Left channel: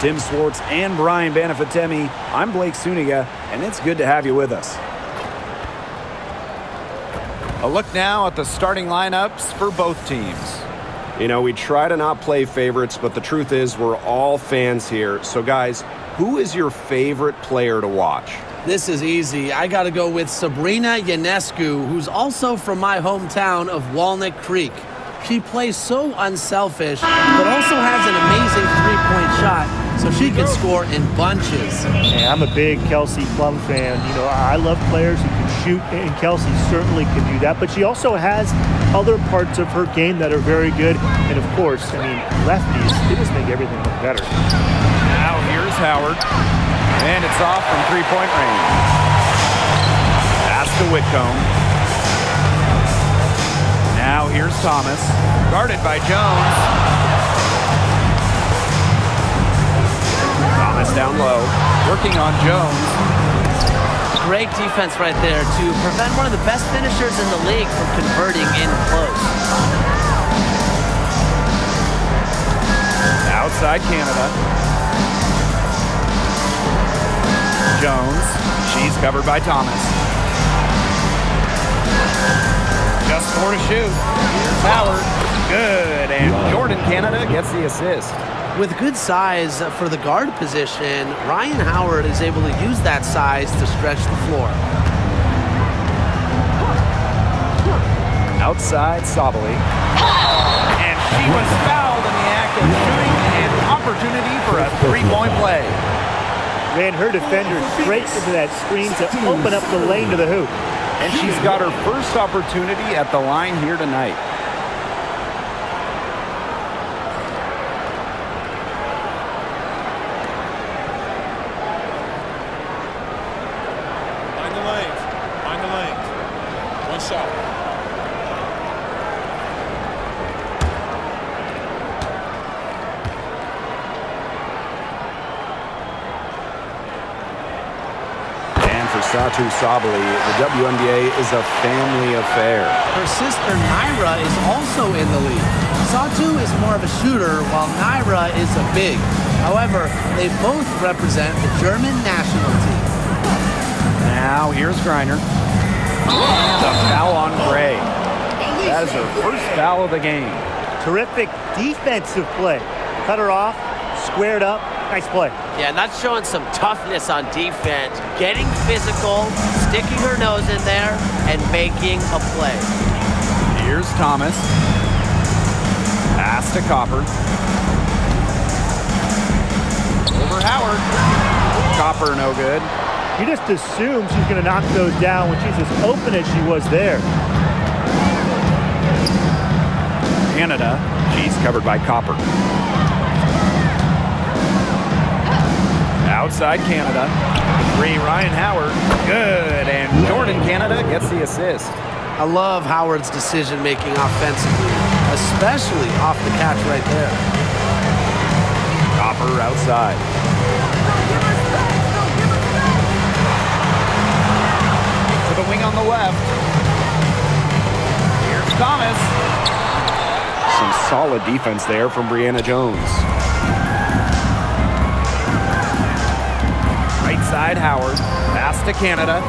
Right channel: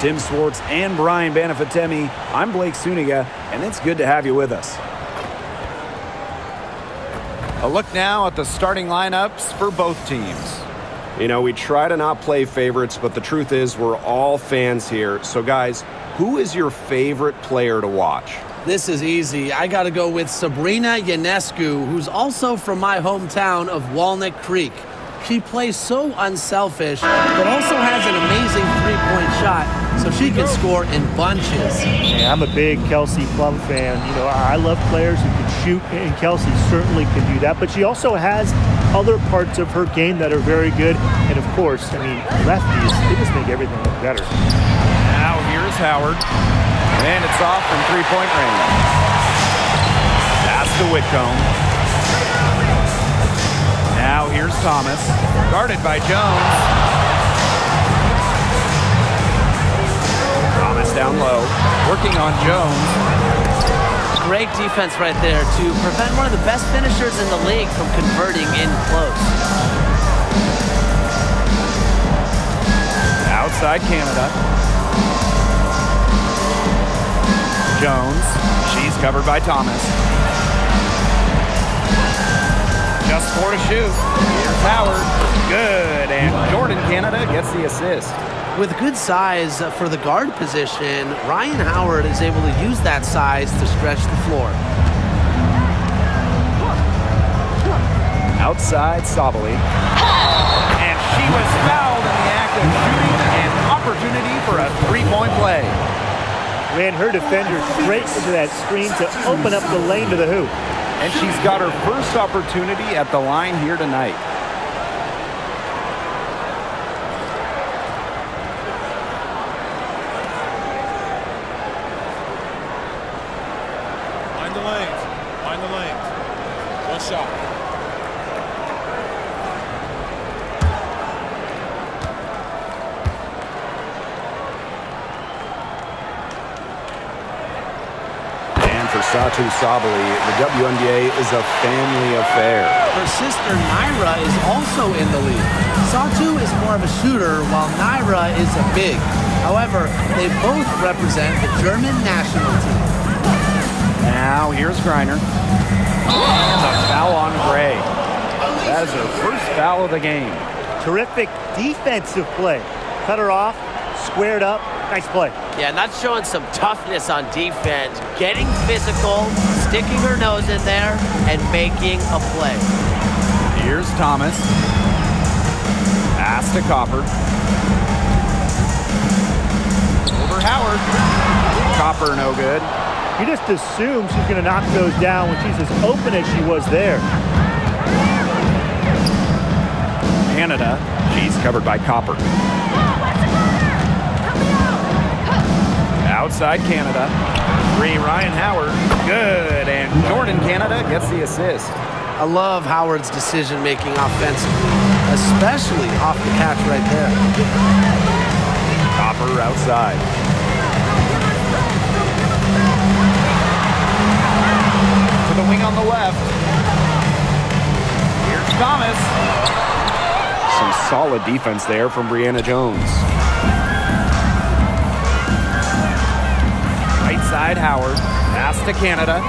Tim Swartz and Brian Banafitemi, I'm Blake Suniga, and it's good to have you with us. A look now at the starting lineups for both teams. You know, we try to not play favorites, but the truth is we're all fans here. So, guys, who is your favorite player to watch? This is easy. I got to go with Sabrina Ionescu, who's also from my hometown of Walnut Creek. She plays so unselfish, but also has an amazing three-point shot, so she can score in bunches. Yeah, I'm a big Kelsey Plum fan. You know, I love players who can shoot, and Kelsey certainly can do that. But she also has other parts of her game that are very good. And, of course, I mean, lefties, they just make everything look better. Now here's Howard, and it's off from three-point range. Pass to Whitcomb. Now here's Thomas, guarded by Jones. Thomas down low, working on Jones. Great defense right there to prevent one of the best finishers in the league from converting in close. Outside Canada. Jones, she's covered by Thomas. Just 4 to shoot. Here's Howard. Good. And Jordan Canada gets the assist. With good size for the guard position, Ryan Howard is able to use that size to stretch the floor. Outside Sabali. And she was fouled in the act of shooting. An opportunity for a three-point play. Ran her defender straight into that screen to open up the lane to the hoop. And she's got her first opportunity at the line here tonight. Mind the lanes. Mind the lanes. One shot. For Satu Sabali, the WNBA is a family affair. Her sister Naira is also in the league. Satu is more of a shooter, while Naira is a big. However, they both represent the German national team. Now here's Griner. And a foul on Gray. That is her first foul of the game. Terrific defensive play. Cut her off, squared up. Nice play. Yeah, not showing some toughness on defense. Getting physical, sticking her nose in there, and making a play. Here's Thomas. Pass to Copper. Over Howard. Copper no good. You just assume she's going to knock those down when she's as open as she was there. Canada, she's covered by Copper. Outside Canada. 3, Ryan Howard. Good. And Jordan Canada gets the assist. I love Howard's decision-making offensively, especially off the catch right there. Copper outside. To the wing on the left. Here's Thomas. Some solid defense there from Brianna Jones. Right side Howard. Pass to Canada.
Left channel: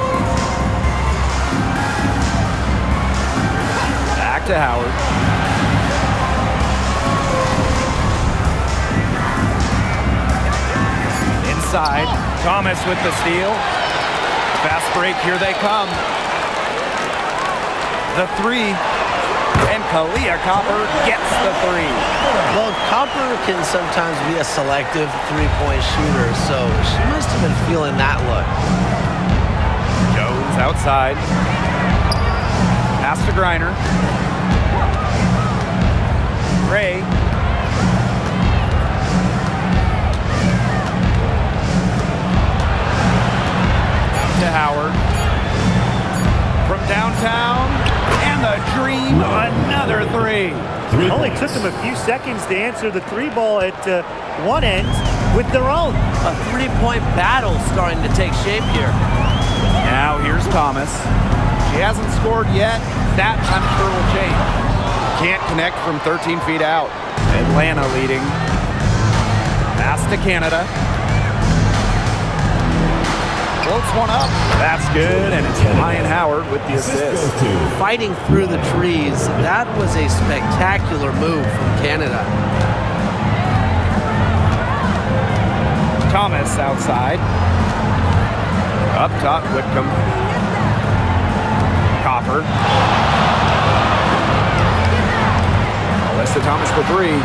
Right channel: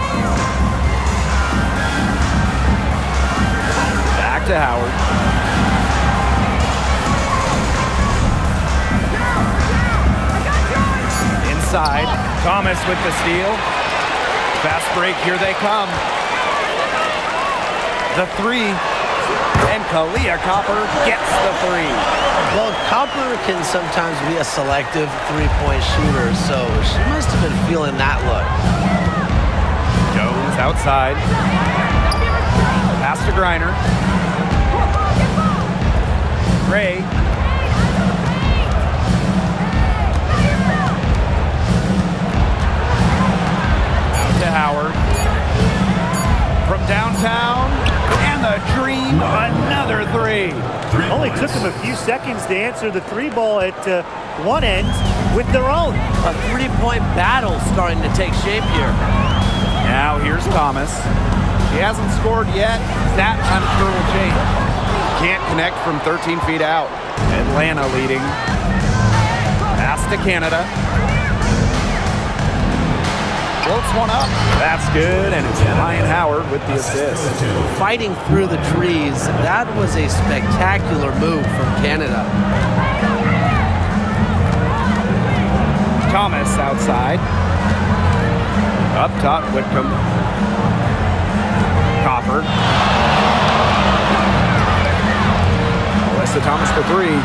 Back to Howard. Inside. Thomas with the steal. Fast break. Here they come. The 3. And Kalia Copper gets the 3. Well, Copper can sometimes be a selective three-point shooter, so she must have been feeling that look. Jones outside. Pass to Griner. Gray. Out to Howard. From downtown. And the dream, another 3. Only took them a few seconds to answer the 3 ball at one end with their own. A three-point battle starting to take shape here. Now here's Thomas. She hasn't scored yet. That I'm sure will change. Can't connect from 13 feet out. Atlanta leading. Pass to Canada. Floats one up. That's good, and it's Ryan Howard with the assist. Fighting through the trees, that was a spectacular move from Canada. Thomas outside. Up top, Whitcomb. Copper. Alyssa Thomas for three.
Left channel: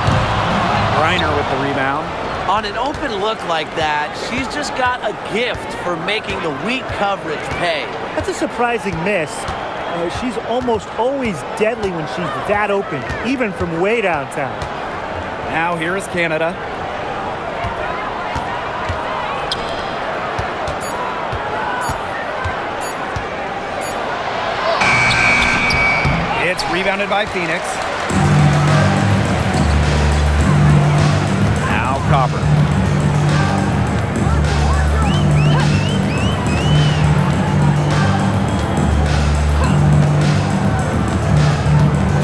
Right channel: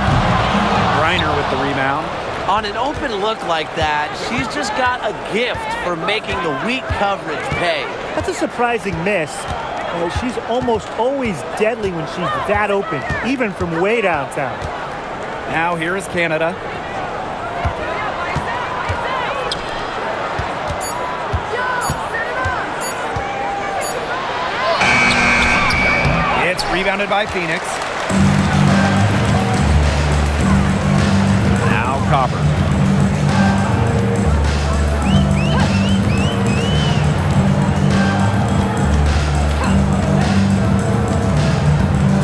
Griner with the rebound. On an open look like that, she's just got a gift for making the weak coverage pay. That's a surprising miss. She's almost always deadly when she's that open, even from way downtown. Now here is Canada. It's rebounded by Phoenix. Now Copper.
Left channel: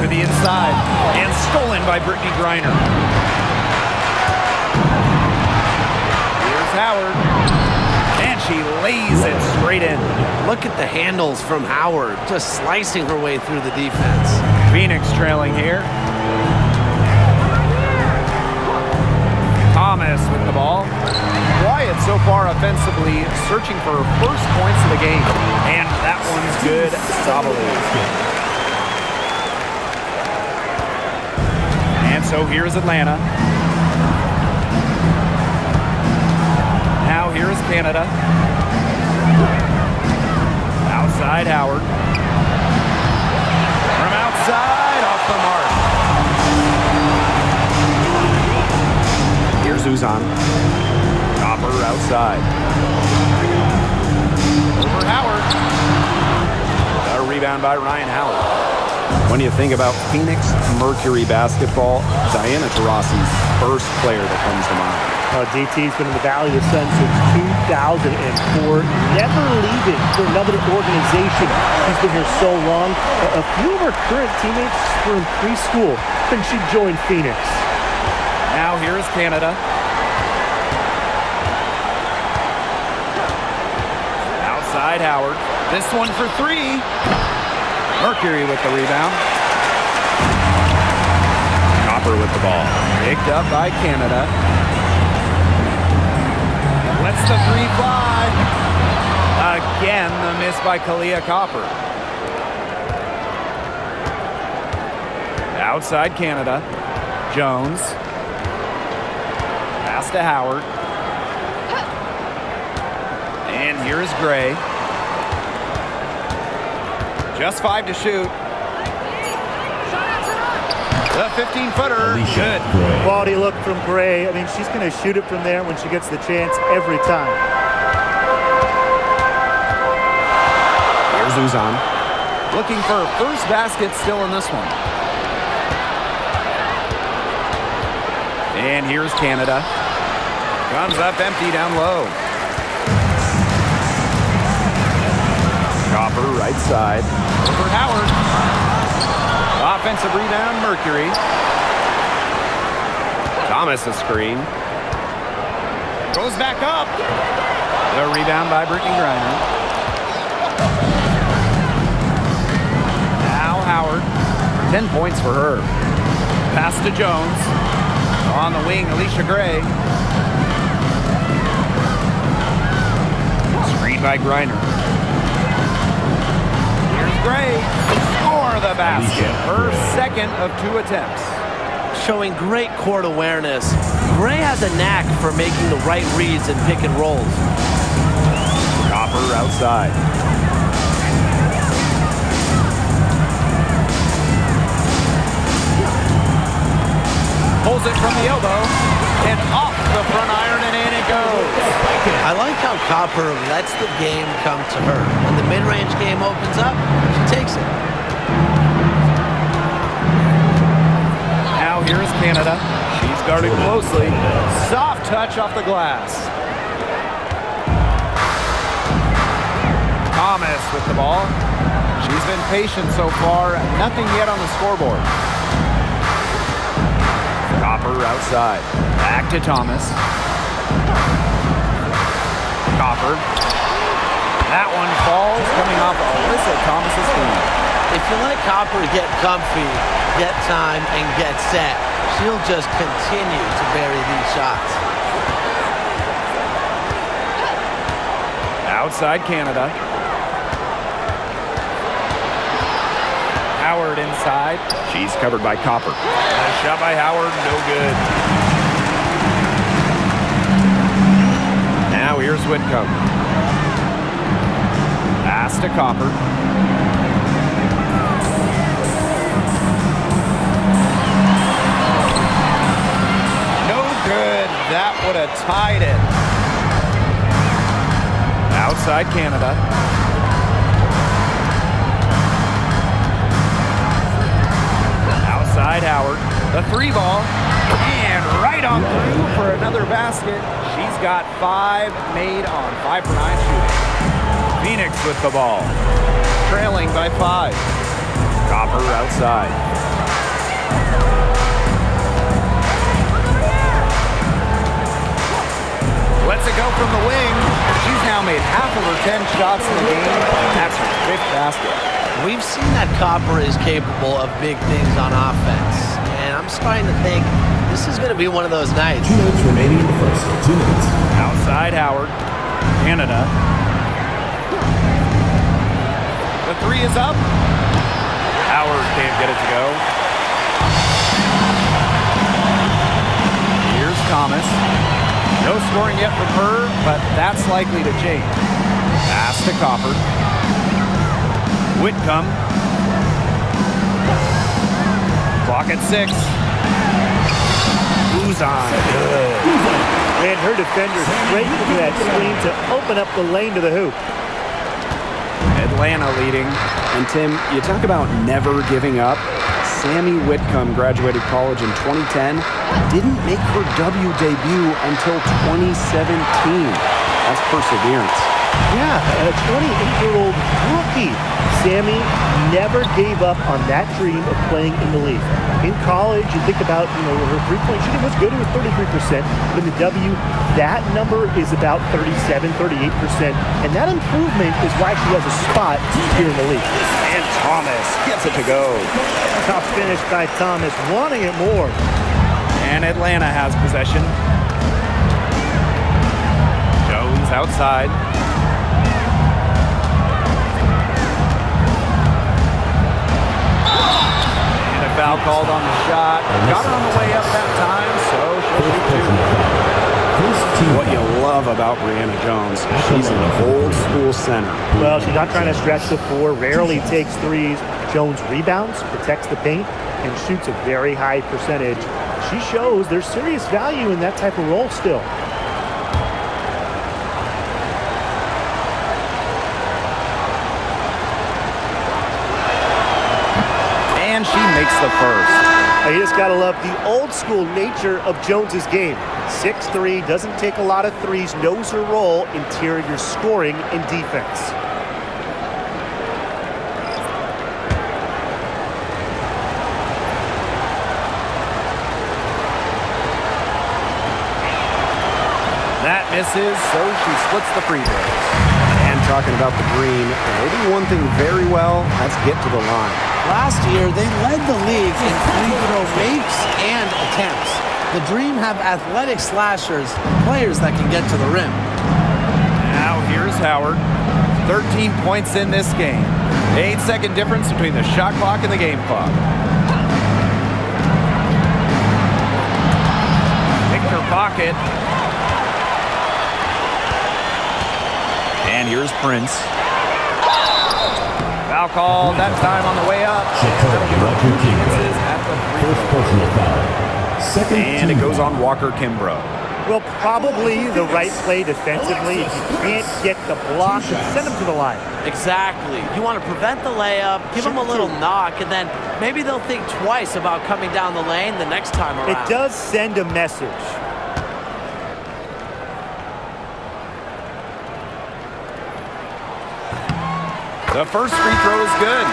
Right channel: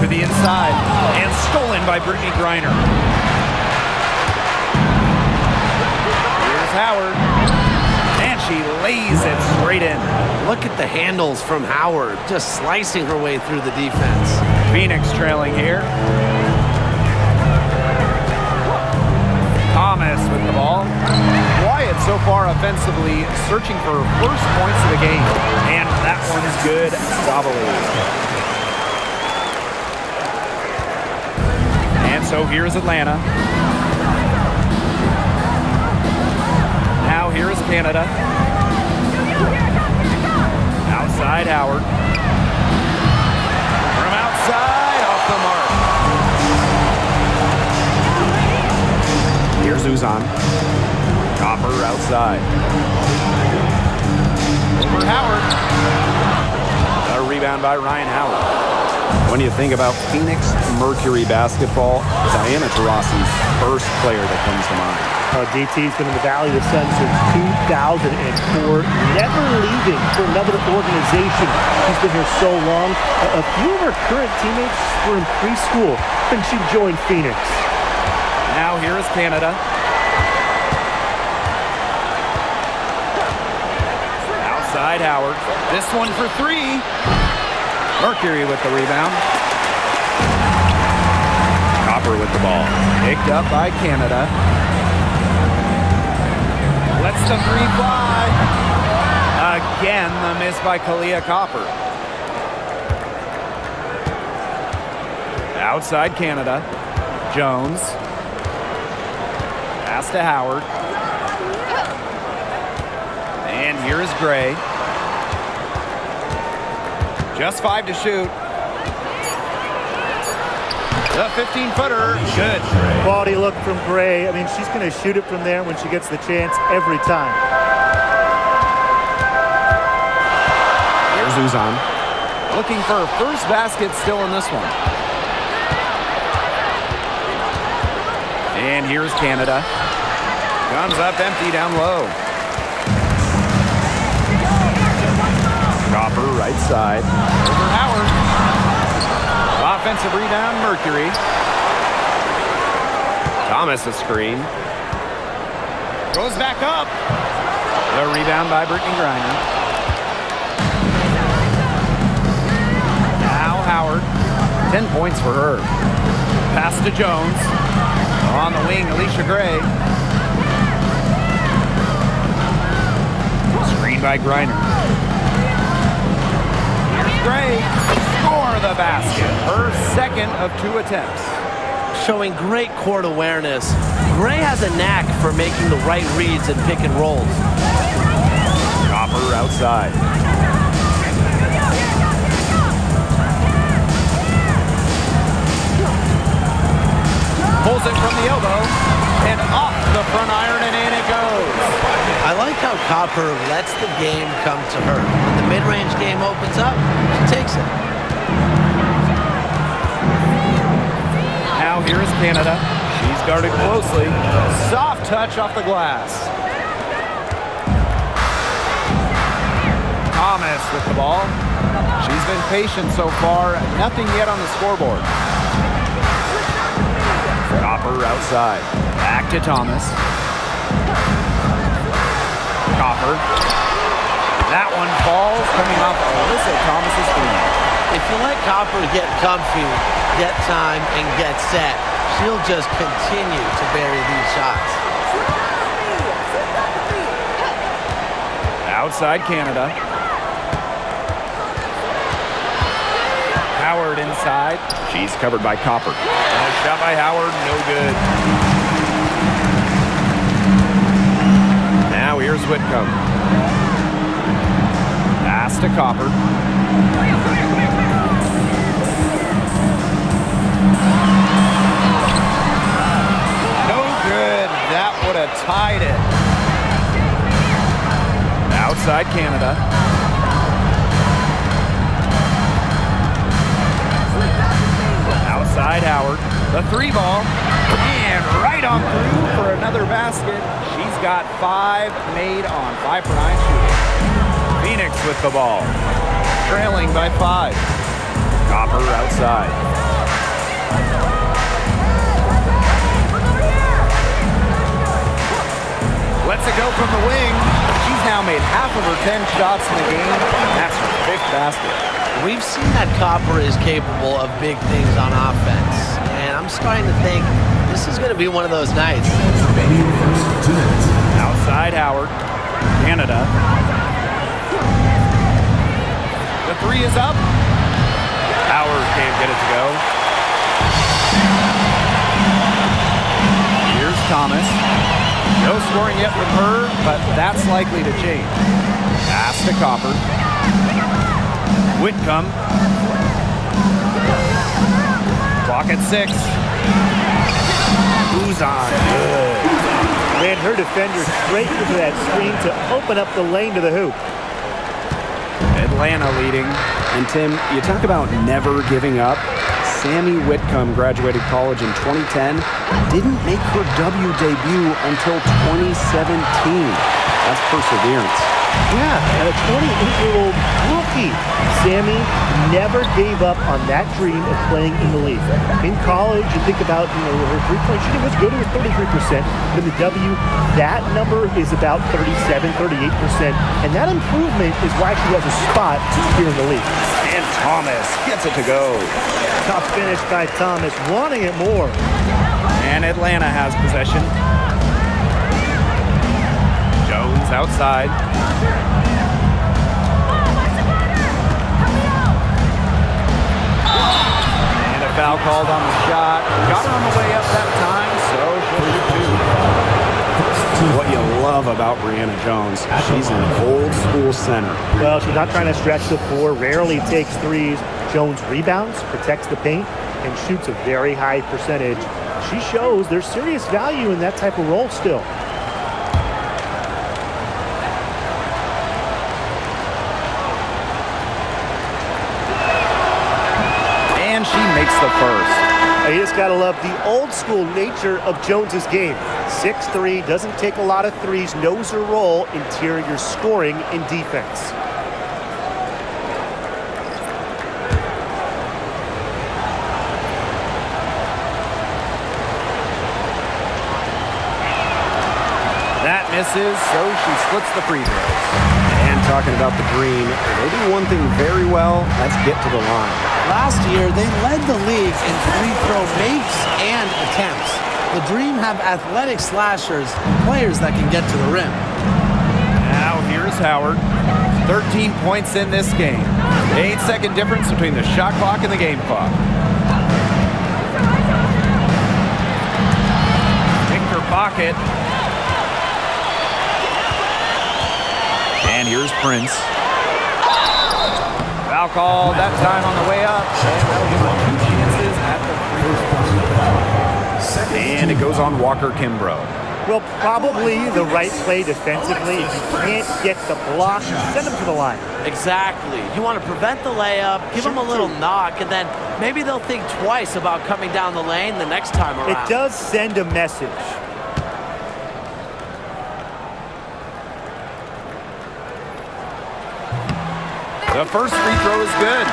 To the inside and stolen by Brittany Griner. Here's Howard. And she lays it straight in. Look at the handles from Howard, just slicing her way through the defense. Phoenix trailing here. Thomas with the ball. Wyatt so far offensively searching for first points of the game. And that one's good. Sabali. And so here's Atlanta. Now here is Canada. Outside Howard. From outside, off the mark. Here's Uzan. Copper outside. Over Howard. A rebound by Ryan Howard. When you think about Phoenix Mercury basketball, Diana Taurasi's first player that comes to mind. DT's been in the Valley of the Sun since 2004, never leaving for another organization. She's been here so long. A few of her current teammates were in preschool when she joined Phoenix. Now here is Canada. Outside Howard. This one for three. Mercury with the rebound. Copper with the ball. Picked up by Canada. Lets the three fly. Again, the miss by Kalia Copper. Outside Canada. Jones. Pass to Howard. And here is Gray. Just 5 to shoot. The 15-footer, good. Quality look from Gray. I mean, she's going to shoot it from there when she gets the chance every time. Here's Uzan. Looking for her first basket still in this one. And here's Canada. Comes up empty down low. Copper right side. Over Howard. Offensive rebound, Mercury. Thomas a screen. Goes back up. The rebound by Brittany Griner. Now Howard. 10 points for her. Pass to Jones. On the wing, Alicia Gray. Screen by Griner. Here's Gray. Score the basket. Her second of 2 attempts. Showing great court awareness. Gray has a knack for making the right reads and pick and rolls. Copper outside. Pulls it from the elbow and off the front iron, and in it goes. I like how Copper lets the game come to her. When the mid-range game opens up, she takes it. Now here is Canada. She's guarded closely. Soft touch off the glass. Thomas with the ball. She's been patient so far. Nothing yet on the scoreboard. Copper outside. Back to Thomas. Copper. That one falls, coming off Alyssa Thomas's feet. If you let Copper get comfy, get time, and get set, she'll just continue to bury these shots. Outside Canada. Howard inside. She's covered by Copper. A shot by Howard, no good. Now here's Whitcomb. Pass to Copper. No good. That would have tied it. Outside Canada. Outside Howard. The 3 ball. And right on through for another basket. She's got 5 made on 5 for 9 shooting. Phoenix with the ball. Trailing by 5. Copper outside. Lets it go from the wing. She's now made half of her 10 shots in the game. That's her 5th basket. We've seen that Copper is capable of big things on offense, and I'm starting to think this is going to be one of those nights. 2 minutes remaining in the first. 2 minutes. Outside Howard. Canada. The 3 is up. Howard can't get it to go. Here's Thomas. No scoring yet from her, but that's likely to change. Pass to Copper. Whitcomb. Clock at 6. Uzan. Good. Ran her defender straight into that screen to open up the lane to the hoop. Atlanta leading. And Tim, you talk about never giving up. Sammy Whitcomb graduated college in 2010, didn't make her W debut until 2017. That's perseverance. Yeah, a 28-year-old rookie. Sammy never gave up on that dream of playing in the league. In college, you think about, her three-point shooting was good. It was 33%. But in the W, that number is about 37, 38%. And that improvement is why she has a spot here in the league. And Thomas gets it to go. Tough finish by Thomas, wanting it more. And Atlanta has possession. Jones outside. And a foul called on the shot. Got her on the way up that time, so she'll shoot 2. What you love about Brianna Jones, she's an old school center. Well, she's not trying to stretch the floor, rarely takes threes. Jones rebounds, protects the paint, and shoots a very high percentage. She shows there's serious value in that type of role still. And she makes the first. You just got to love the old school nature of Jones's game. 6'3", doesn't take a lot of threes, knows her role, interior scoring and defense. That misses, so she splits the free throws. And talking about the Green, they do one thing very well, that's get to the line. Last year, they led the league in free throw makes and attempts. The Dream have athletic slashers and players that can get to the rim. Now here's Howard. 13 points in this game. 8-second difference between the shot clock and the game clock. Picked her pocket. And here's Prince. Foul called that time on the way up, and that'll give her 2 chances at the free throw. And it goes on Walker Kimbrough. Well, probably the right play defensively. If you can't get the block, send them to the line. Exactly. You want to prevent the layup, give them a little knock, and then maybe they'll think twice about coming down the lane the next time around. It does send a message. The first free throw is good.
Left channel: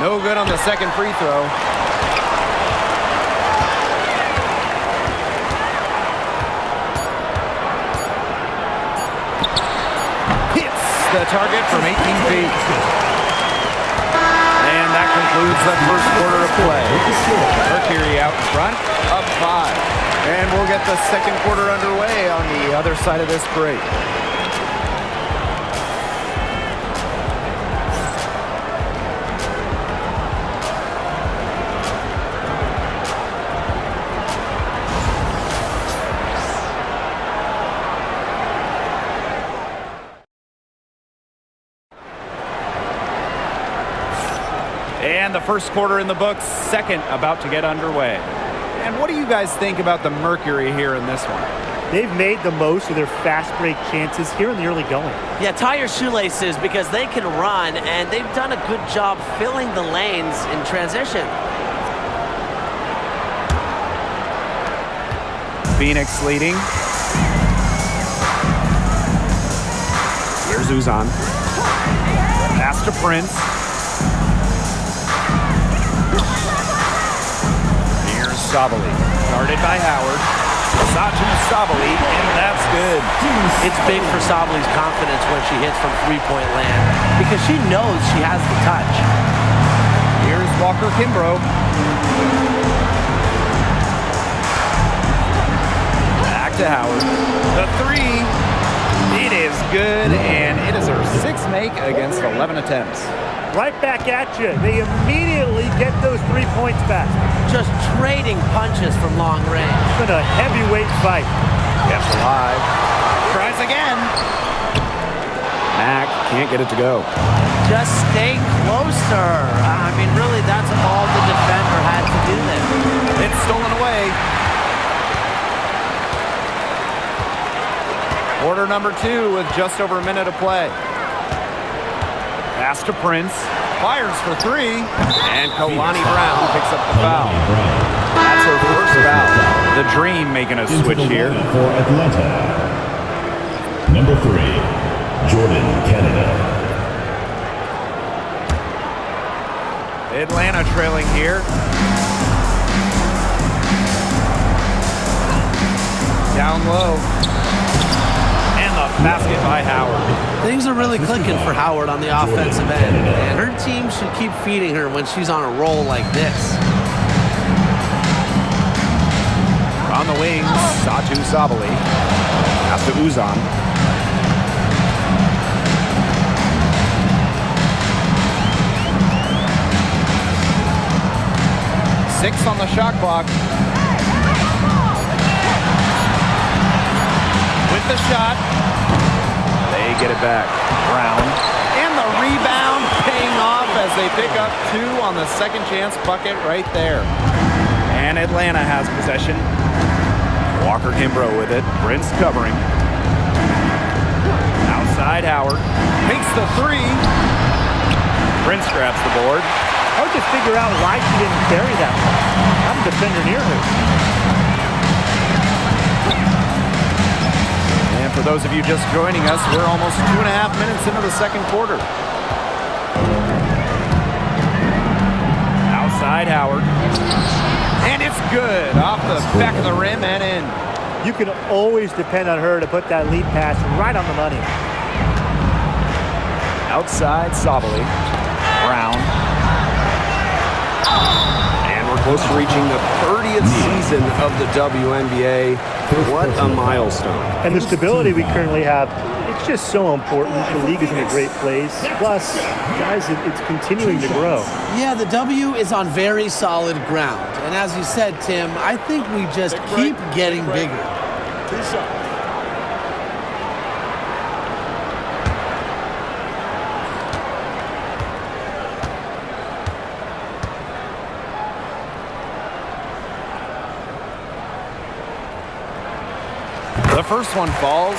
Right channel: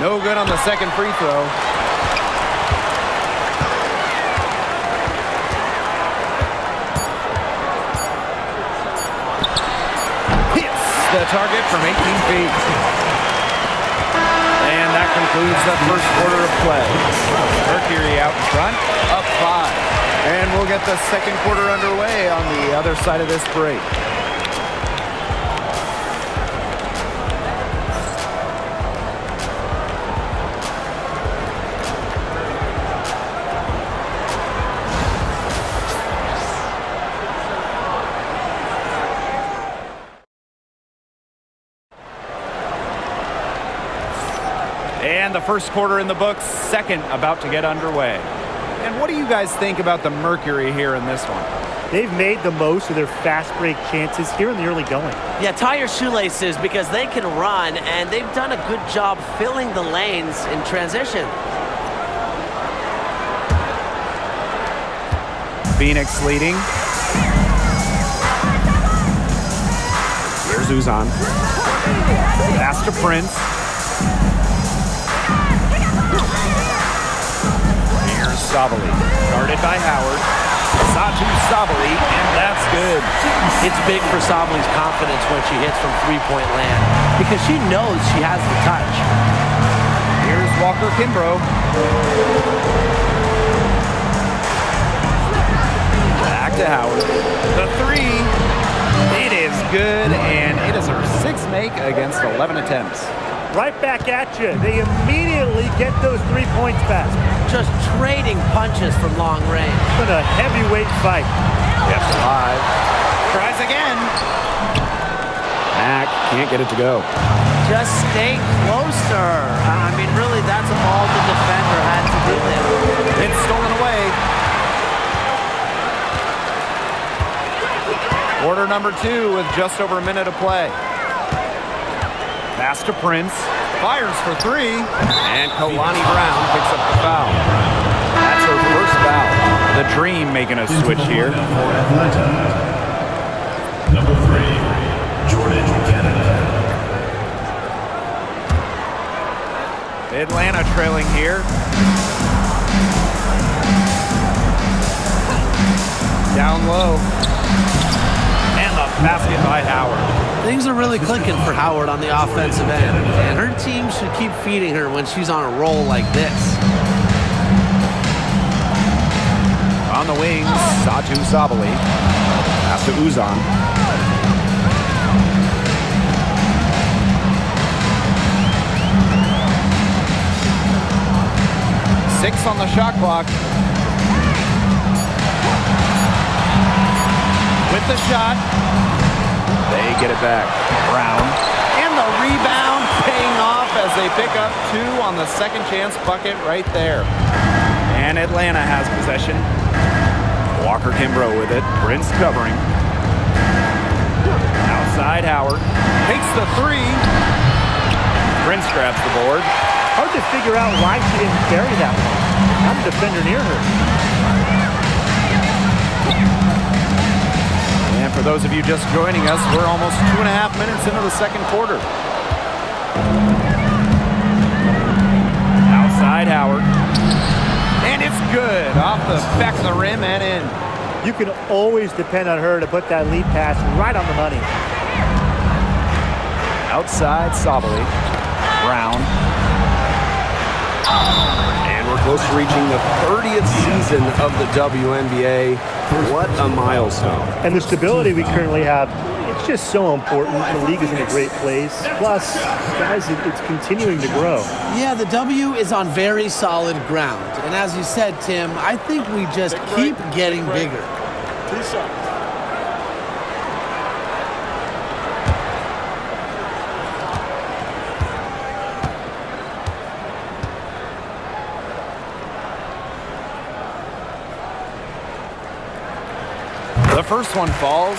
No good on the second free throw. Hits the target from 18 feet. And that concludes the first quarter of play. Mercury out in front, up 5. And we'll get the second quarter underway on the other side of this break. And the first quarter in the books, second about to get underway. And what do you guys think about the Mercury here in this one? They've made the most of their fast break chances here in the early going. Yeah, tie your shoelaces because they can run, and they've done a good job filling the lanes in transition. Phoenix leading. Here's Uzan. Pass to Prince. Sabali, guarded by Howard. Satu Sabali, and that's good. It's big for Sabali's confidence when she hits from three-point land because she knows she has the touch. Here's Walker Kimbrough. Back to Howard. The three. It is good, and it is her sixth make against 11 attempts. Right back at you. They immediately get those 3 points back. Just trading punches from long range. It's been a heavyweight fight. Kept alive. Tries again. Mack can't get it to go. Just stay closer. I mean, really, that's all the defender had to do there. It's stolen away. Quarter number 2 with just over a minute to play. Pass to Prince. Fires for 3. And Kalani Brown picks up the foul. That's her first foul. The Dream making a switch here. For Atlanta. Number 3, Jordan, Canada. Atlanta trailing here. Down low. And the basket by Howard. Things are really clicking for Howard on the offensive end, and her team should keep feeding her when she's on a roll like this. On the wings, Satu Sabali. Pass to Uzan. 6 on the shot clock. With the shot. They get it back. Brown. And the rebound paying off as they pick up 2 on the second chance bucket right there. And Atlanta has possession. Walker Kimbrough with it. Prince covering. Outside Howard. Takes the 3. Prince grabs the board. Hard to figure out why she didn't bury that one. Not a defender near her. And for those of you just joining us, we're almost 2.5 minutes into the second quarter. Outside Howard. And it's good. Off the back of the rim and in. You can always depend on her to put that lead pass right on the money. Outside Sabali. Brown. And we're close to reaching the 30th season of the WNBA. What a milestone. And the stability we currently have, it's just so important. The league is in a great place. Plus, guys, it's continuing to grow. Yeah, the W is on very solid ground. And as you said, Tim, I think we just keep getting bigger. 2 shots. The first one falls.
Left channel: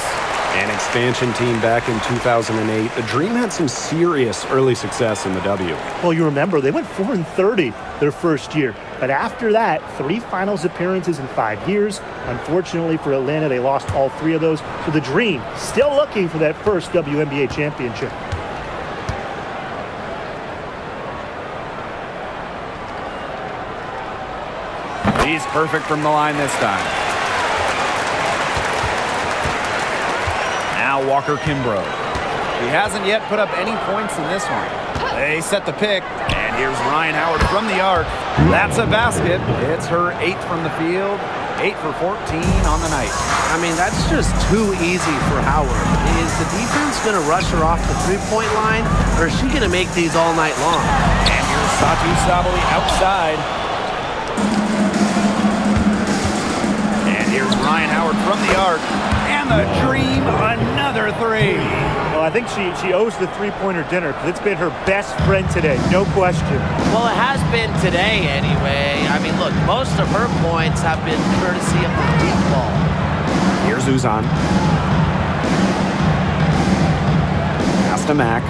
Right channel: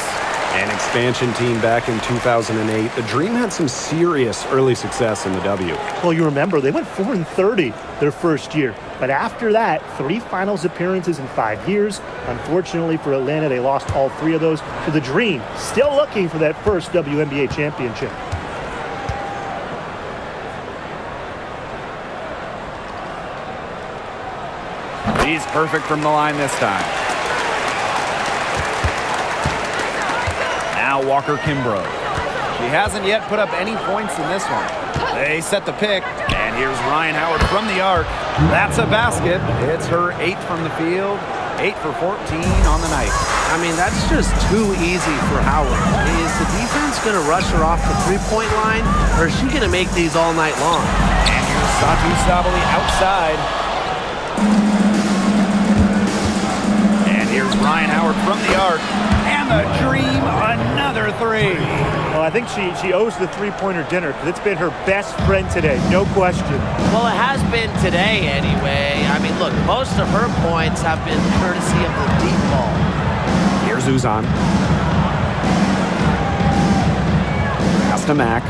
An expansion team back in 2008. The Dream had some serious early success in the W. Well, you remember, they went 4-30 their first year. But after that, 3 finals appearances in 5 years. Unfortunately for Atlanta, they lost all 3 of those. So the Dream still looking for that first WNBA championship. Perfect from the line this time. Now Walker Kimbrough. She hasn't yet put up any points in this one. They set the pick, and here's Ryan Howard from the arc. That's a basket. It's her 8th from the field, 8 for 14 on the night. I mean, that's just too easy for Howard. Is the defense going to rush her off the three-point line, or is she going to make these all night long? And here's Satu Sabali outside. And here's Ryan Howard from the arc. And the dream, another 3. Well, I think she owes the three-pointer dinner because it's been her best friend today, no question. Well, it has been today anyway. I mean, look, most of her points have been courtesy of the deep ball. Here's Uzan. Pass to Mack.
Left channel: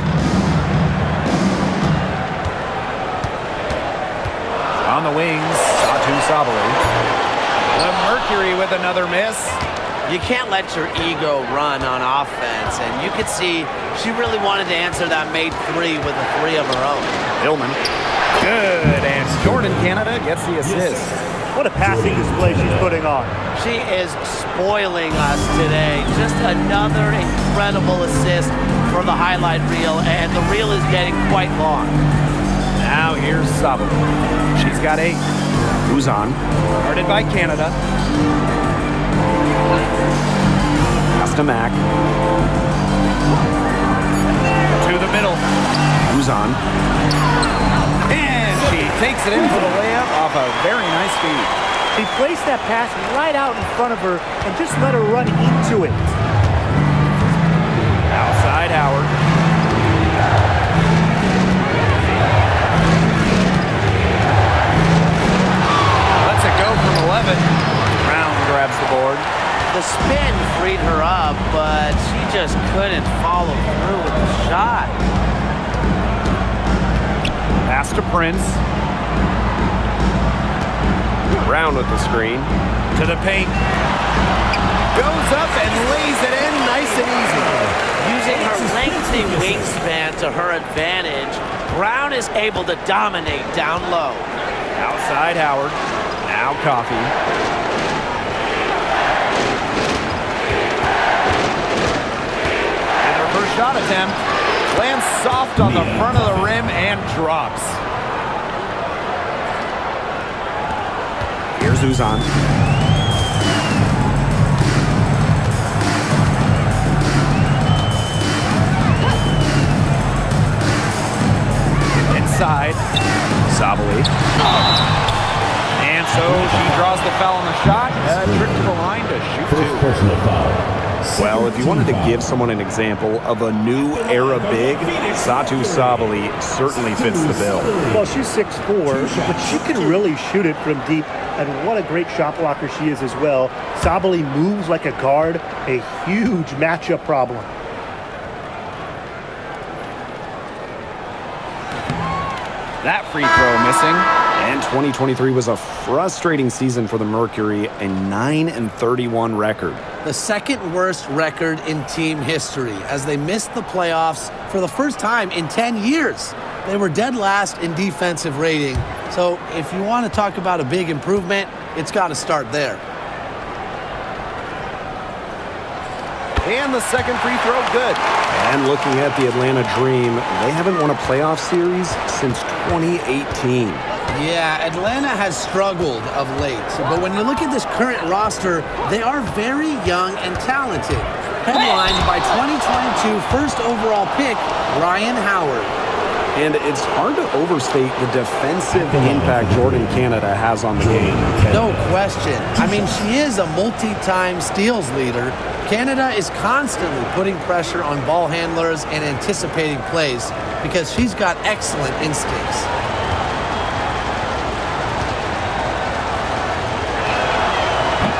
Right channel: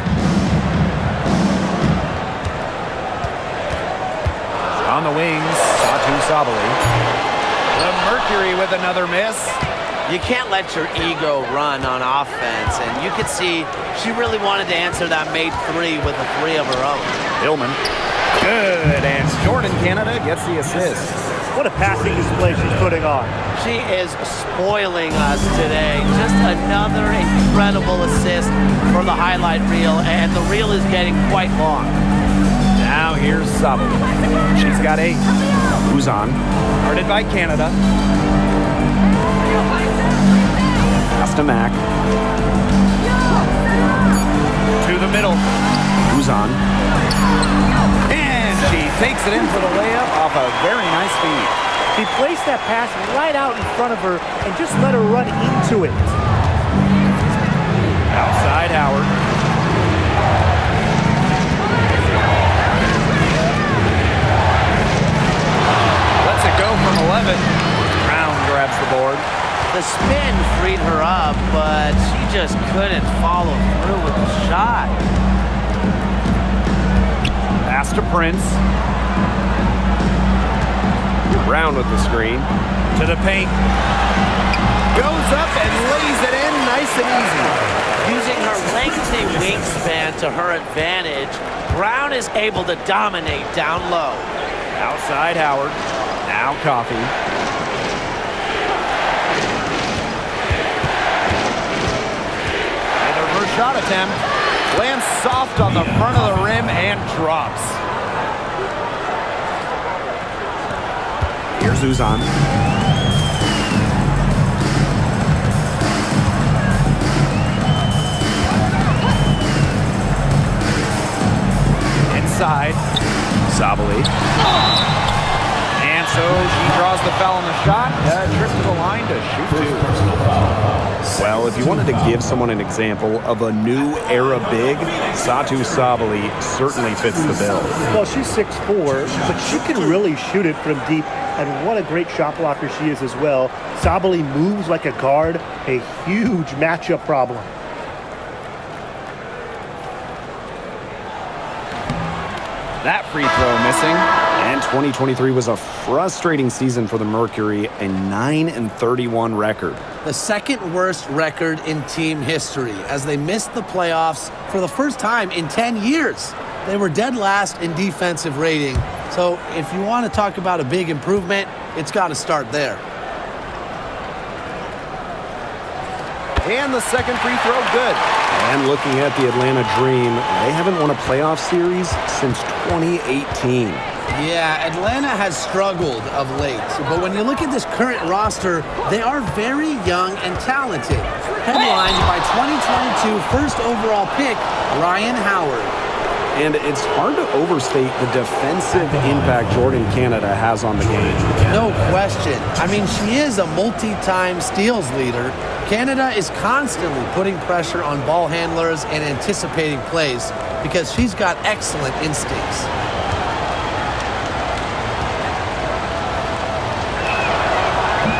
On the wings, Satu Sabali. The Mercury with another miss. You can't let your ego run on offense, and you could see she really wanted to answer that made 3 with a 3 of her own. Hillman. Good, and Jordan Canada gets the assist. What a passing display she's putting on. She is spoiling us today. Just another incredible assist for the highlight reel, and the reel is getting quite long. Now here's Sabali. She's got 8. Uzan. Guarded by Canada. Pass to Mack. To the middle. Uzan. And she takes it in for the layup off a very nice feed. She placed that pass right out in front of her and just let her run into it. Outside Howard. Lets it go from 11. Brown grabs the board. The spin freed her up, but she just couldn't follow through with the shot. Pass to Prince. Brown with the screen. To the paint. Goes up and lays it in nice and easy. Using her lengthy wingspan to her advantage, Brown is able to dominate down low. Outside Howard. Now Coffey. With her first shot attempt. Lands soft on the front of the rim and drops. Here's Uzan. Inside. Sabali. And so she draws the foul on the shot. Trip to the line to shoot 2. Personal foul. Well, if you wanted to give someone an example of a new era big, Satu Sabali certainly fits the bill. Well, she's 6'4", but she can really shoot it from deep, and what a great shot blocker she is as well. Sabali moves like a guard, a huge matchup problem. That free throw missing. And 2023 was a frustrating season for the Mercury, a 9-31 record. The second worst record in team history as they missed the playoffs for the first time in 10 years. They were dead last in defensive rating. So if you want to talk about a big improvement, it's got to start there. And the second free throw, good. And looking at the Atlanta Dream, they haven't won a playoff series since 2018. Yeah, Atlanta has struggled of late, but when you look at this current roster, they are very young and talented. Headlined by 2022 first overall pick, Ryan Howard. And it's hard to overstate the defensive impact Jordan Canada has on the game. No question. I mean, she is a multi-time steals leader. Canada is constantly putting pressure on ball handlers and anticipating plays because she's got excellent instincts.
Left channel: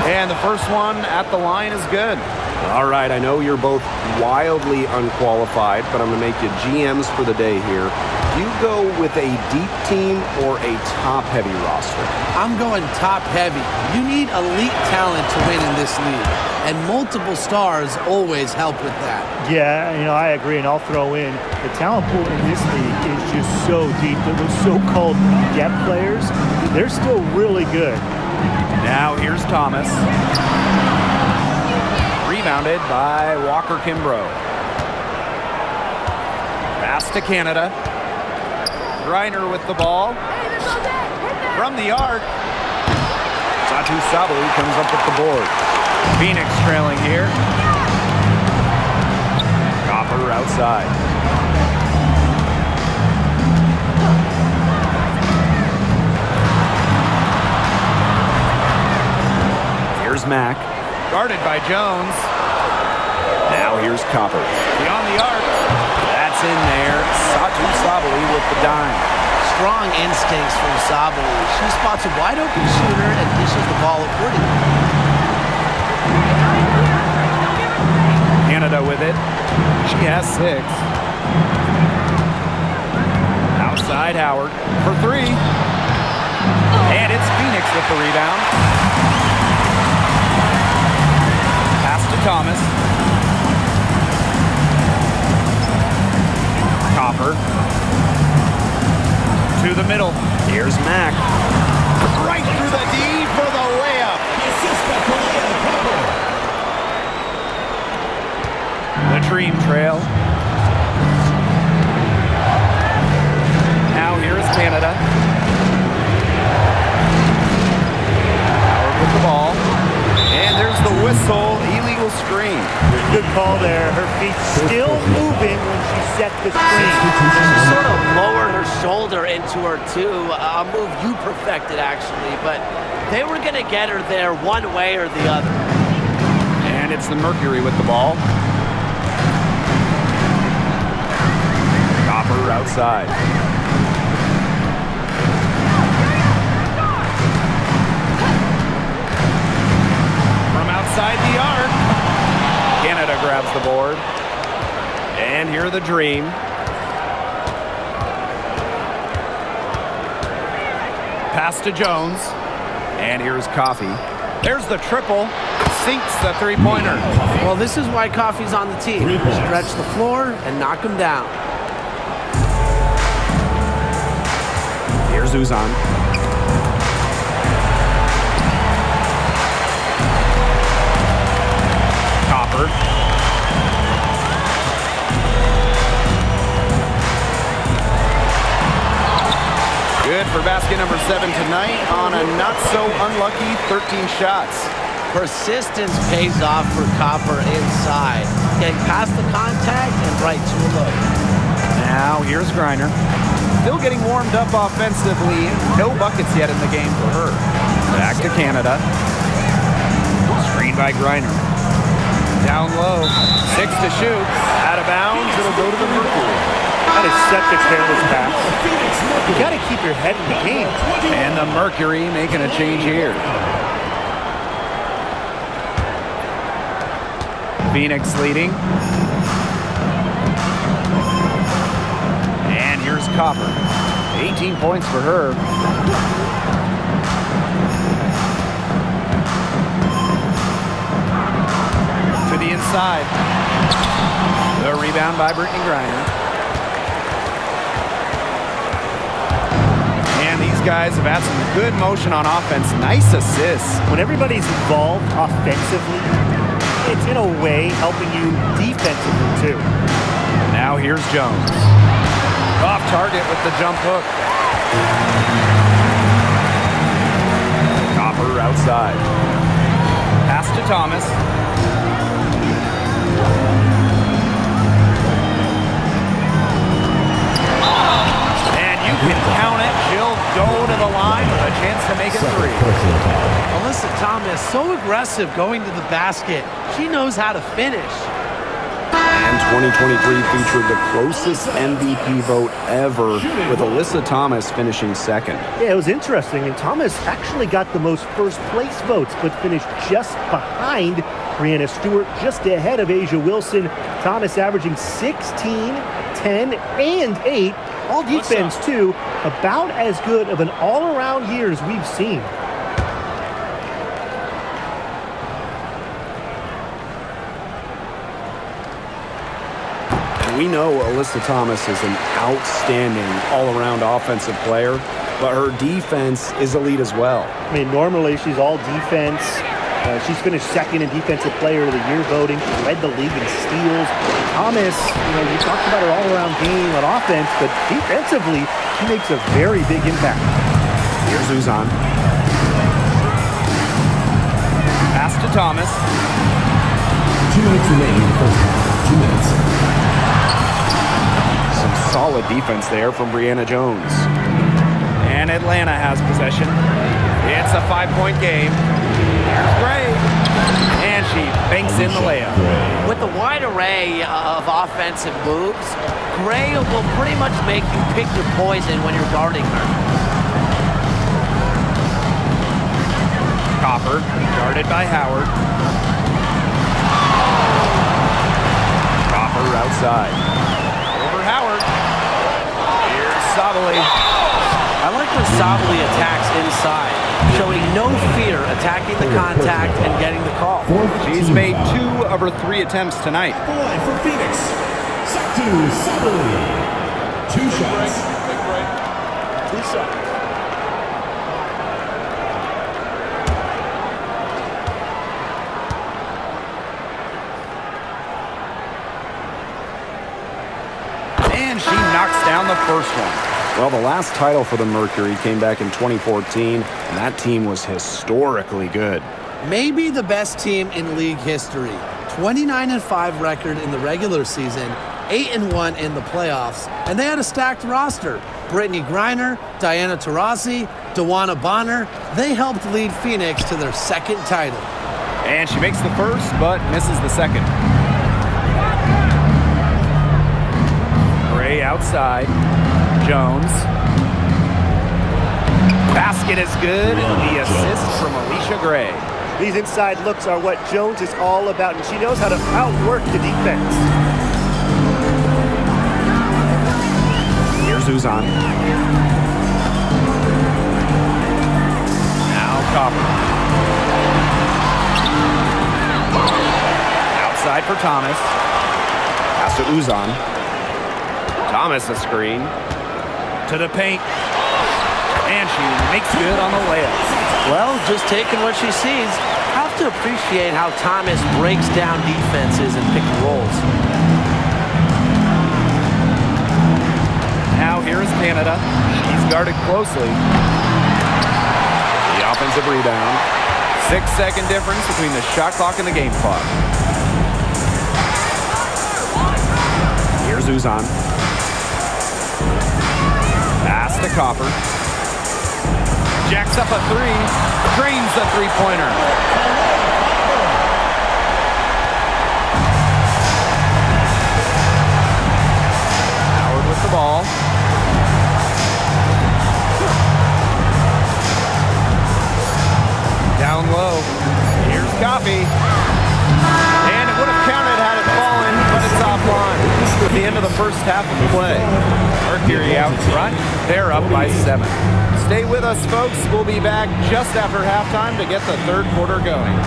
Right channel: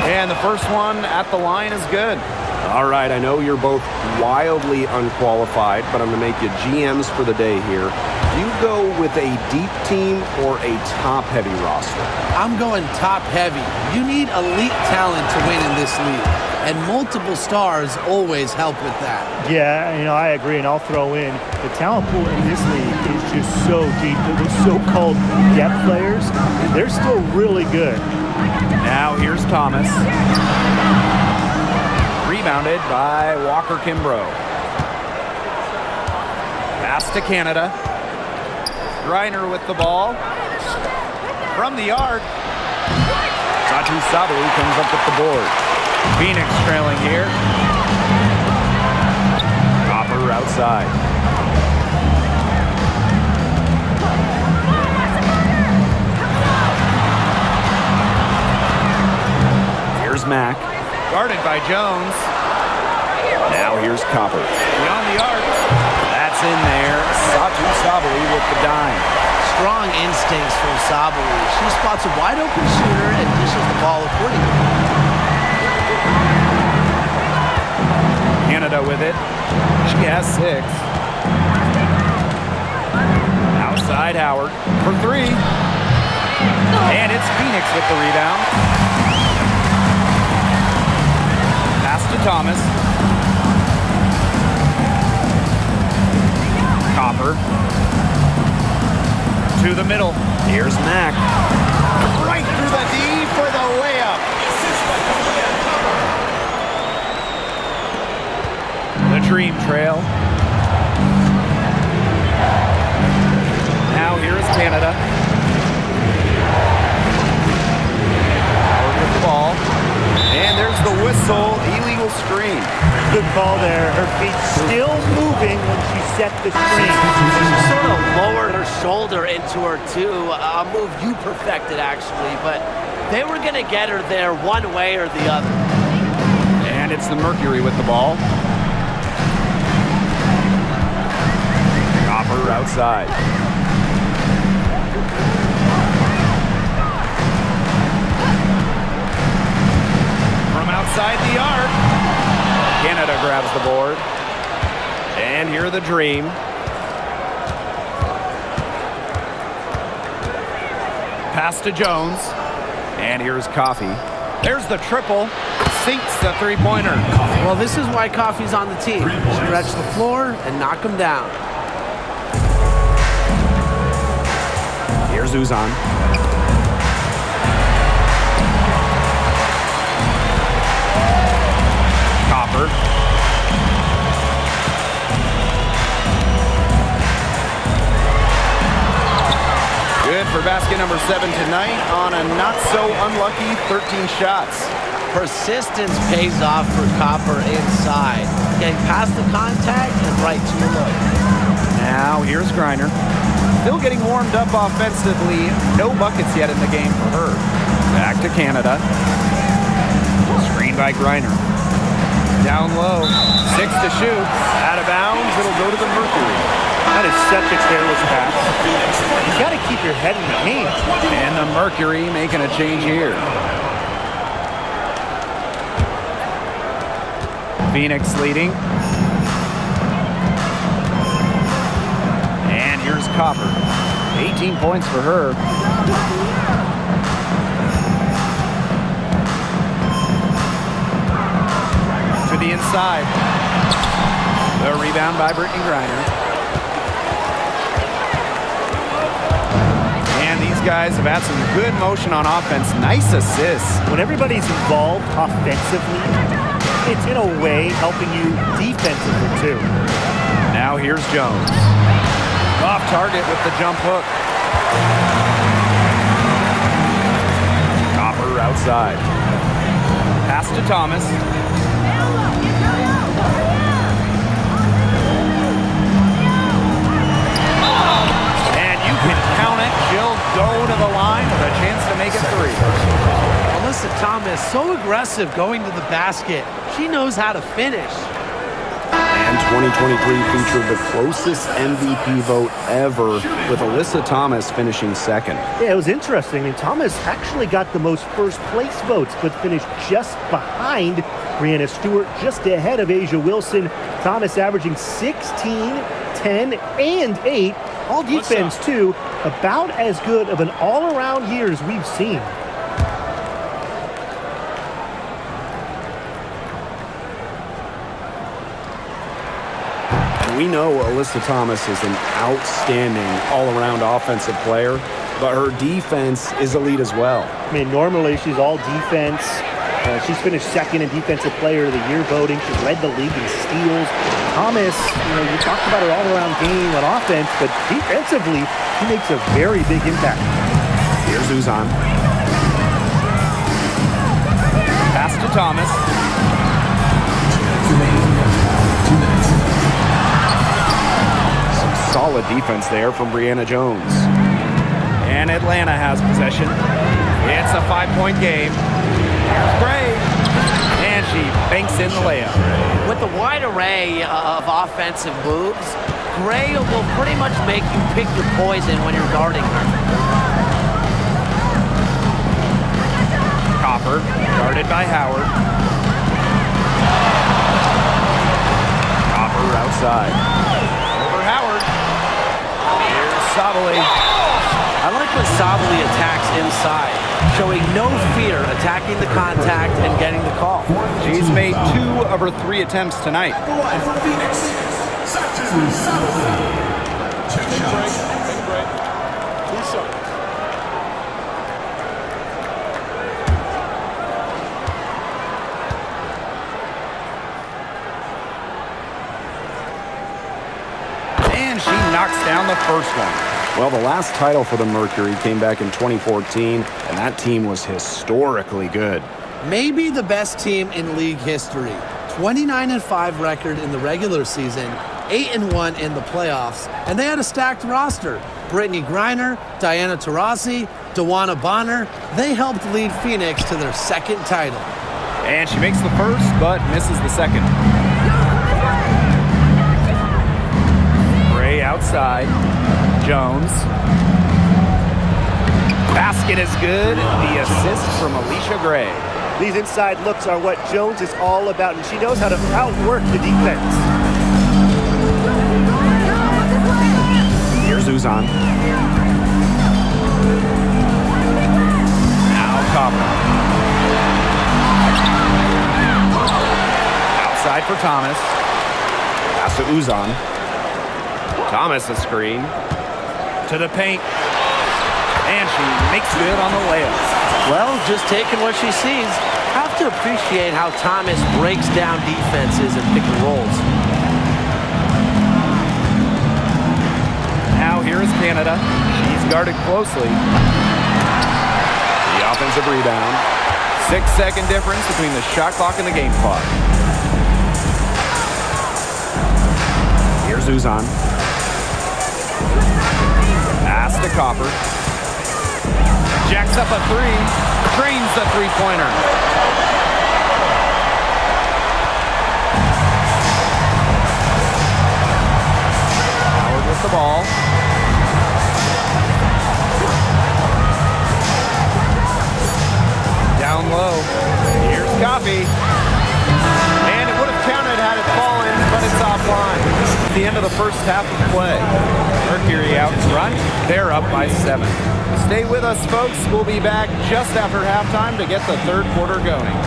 And the first one at the line is good. All right, I know you're both wildly unqualified, but I'm going to make you GMs for the day here. Do you go with a deep team or a top-heavy roster? I'm going top-heavy. You need elite talent to win in this league, and multiple stars always help with that. Yeah, I agree, and I'll throw in the talent pool in this league is just so deep. Those so-called depth players, they're still really good. Now here's Thomas. Rebounded by Walker Kimbrough. Pass to Canada. Griner with the ball. From the arc. Satu Sabali comes up with the board. Phoenix trailing here. Copper outside. Here's Mack. Guarded by Jones. Now here's Copper. Beyond the arc. That's in there. Satu Sabali with the dime. Strong instincts from Sabali. She spots a wide open shooter and dishes the ball accordingly. Canada with it. She has 6. Outside Howard for 3. And it's Phoenix with the rebound. Pass to Thomas. Copper. To the middle. Here's Mack. Right through the D for the layup. The Dream Trail. Now here is Canada. Howard with the ball. And there's the whistle. Illegal screen. Good call there. Her feet still moving when she set the screen. She sort of lowered her shoulder into her too. A move you perfected actually, but they were going to get her there one way or the other. And it's the Mercury with the ball. Copper outside. From outside the arc. Canada grabs the board. And here the Dream. Pass to Jones. And here's Coffey. There's the triple. Sinks the three-pointer. Well, this is why Coffey's on the team. Stretch the floor and knock him down. Here's Uzan. Copper. Good for basket number 7 tonight on a not-so-unlucky 13 shots. Persistence pays off for Copper inside. Getting past the contact and right to a look. Now here's Griner. Still getting warmed up offensively. No buckets yet in the game for her. Back to Canada. Screen by Griner. Down low. 6 to shoot. Out of bounds. It'll go to the Mercury. That is such a careless pass. You got to keep your head in the game. And the Mercury making a change here. Phoenix leading. And here's Copper. 18 points for her. To the inside. The rebound by Brittany Griner. And these guys have had some good motion on offense. Nice assists. When everybody's involved offensively, it's in a way helping you defensively too. Now here's Jones. Off target with the jump hook. Copper outside. Pass to Thomas. And you can count it. She'll go to the line with a chance to make it 3. Alyssa Thomas, so aggressive going to the basket. She knows how to finish. And 2023 featured the closest MVP vote ever, with Alyssa Thomas finishing 2nd. Yeah, it was interesting. I mean, Thomas actually got the most first-place votes, but finished just behind Brianna Stewart, just ahead of Asia Wilson. Thomas averaging 16, 10, and 8. All defense, too. About as good of an all-around year as we've seen. We know Alyssa Thomas is an outstanding all-around offensive player, but her defense is elite as well. I mean, normally she's all defense. She's finished second in Defensive Player of the Year voting. She's led the league in steals. Thomas, you talked about her all-around game on offense, but defensively, she makes a very big impact. Here's Uzan. Pass to Thomas. 2 minutes remaining in the first half. 2 minutes. Some solid defense there from Brianna Jones. And Atlanta has possession. It's a 5-point game. Here's Gray. And she banks in the layup. With the wide array of offensive moves, Gray will pretty much make you pick your poison when you're guarding her. Copper, guarded by Howard. Copper outside. Over Howard. Here's Sabali. I like when Sabali attacks inside, showing no fear attacking the contact and getting the call. She's made 2 of her 3 attempts tonight. The line for Phoenix. Satu Sabali. 2 shots. Take a break. 2 shots. And she knocks down the first one. Well, the last title for the Mercury came back in 2014, and that team was historically good. Maybe the best team in league history. 29-5 record in the regular season, 8-1 in the playoffs, and they had a stacked roster. Brittany Griner, Diana Taurasi, Dewana Bonner, they helped lead Phoenix to their 2nd title. And she makes the first, but misses the second. Gray outside. Jones. Basket is good. The assist from Alicia Gray. These inside looks are what Jones is all about, and she knows how to outwork the defense. Here's Uzan. Now Copper. Outside for Thomas. Pass to Uzan. Thomas a screen. To the paint. And she makes good on the layup. Well, just taking what she sees. Have to appreciate how Thomas breaks down defenses and pick and rolls. Now here is Canada. She's guarded closely. The offensive rebound. 6-second difference between the shot clock and the game clock. Here's Uzan. Pass to Copper. Jacks up a 3. Drains the 3-pointer. Howard with the ball. Down low. Here's Coffee. And it would have counted had it fallen, but it's offline. At the end of the first half of play. Mercury out front. They're up by 7. Stay with us, folks. We'll be back just after halftime to get the 3rd quarter going.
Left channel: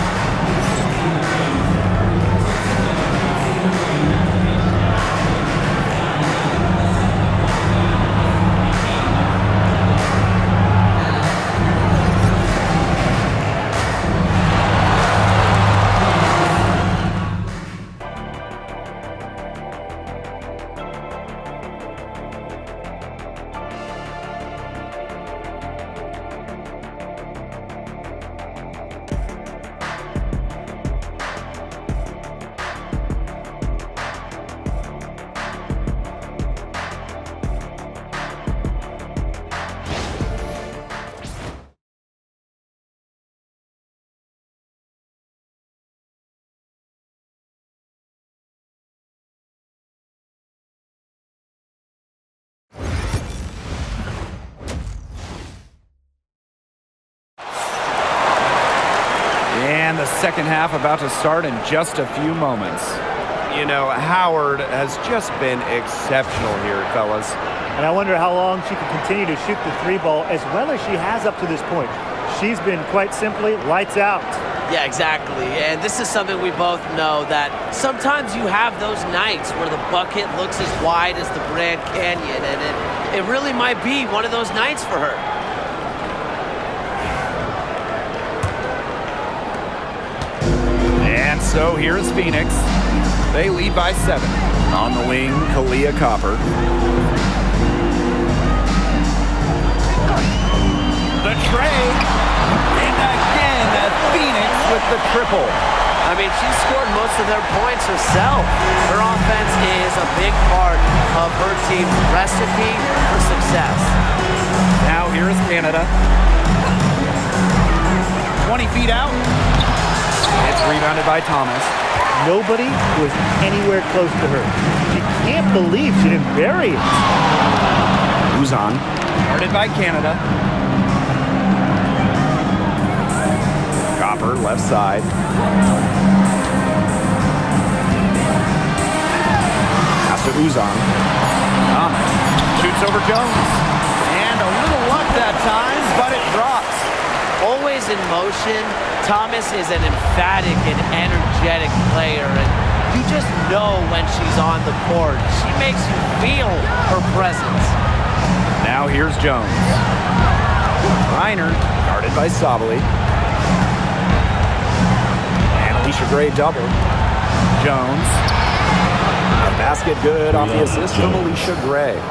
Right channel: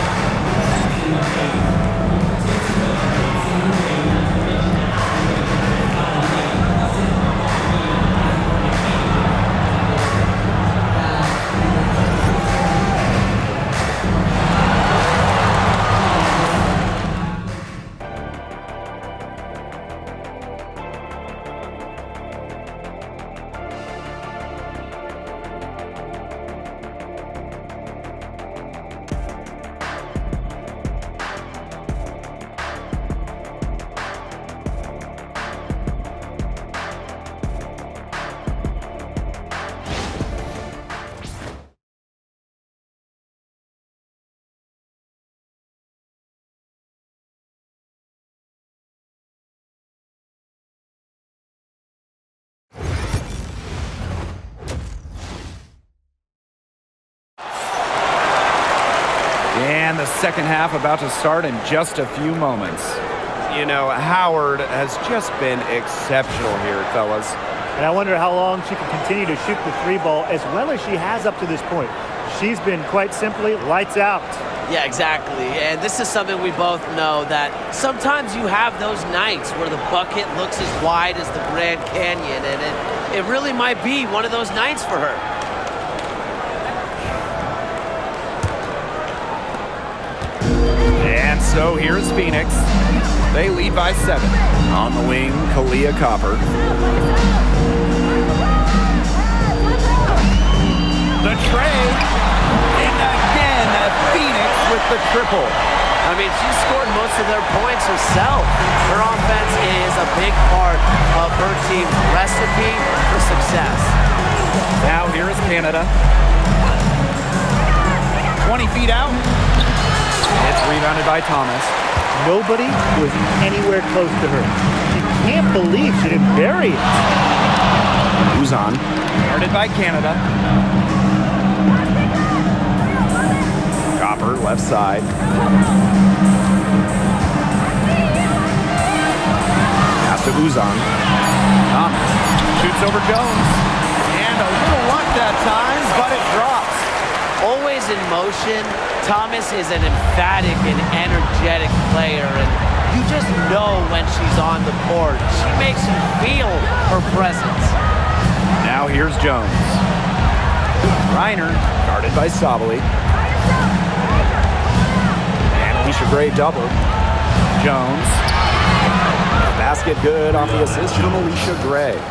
And the second half about to start in just a few moments. You know, Howard has just been exceptional here, fellas. And I wonder how long she can continue to shoot the 3 ball as well as she has up to this point. She's been quite simply lights out. Yeah, exactly. And this is something we both know, that sometimes you have those nights where the bucket looks as wide as the Grand Canyon, and it really might be one of those nights for her. And so here's Phoenix. They lead by 7. On the wing, Kalia Copper. The tray. And again, Phoenix with the triple. I mean, she scored most of their points herself. Her offense is a big part of her team's recipe for success. Now here is Canada. 20 feet out. It's rebounded by Thomas. Nobody was anywhere close to her. She can't believe she didn't bury it. Uzan. Guarded by Canada. Copper, left side. Pass to Uzan. Thomas shoots over Jones. And a little luck that time, but it drops. Always in motion, Thomas is an emphatic and energetic player, and you just know when she's on the court. She makes you feel her presence. Now here's Jones. Reiner Guarded by Sabali. And Alicia Gray double. Jones. A basket good off the assist from Alicia Gray.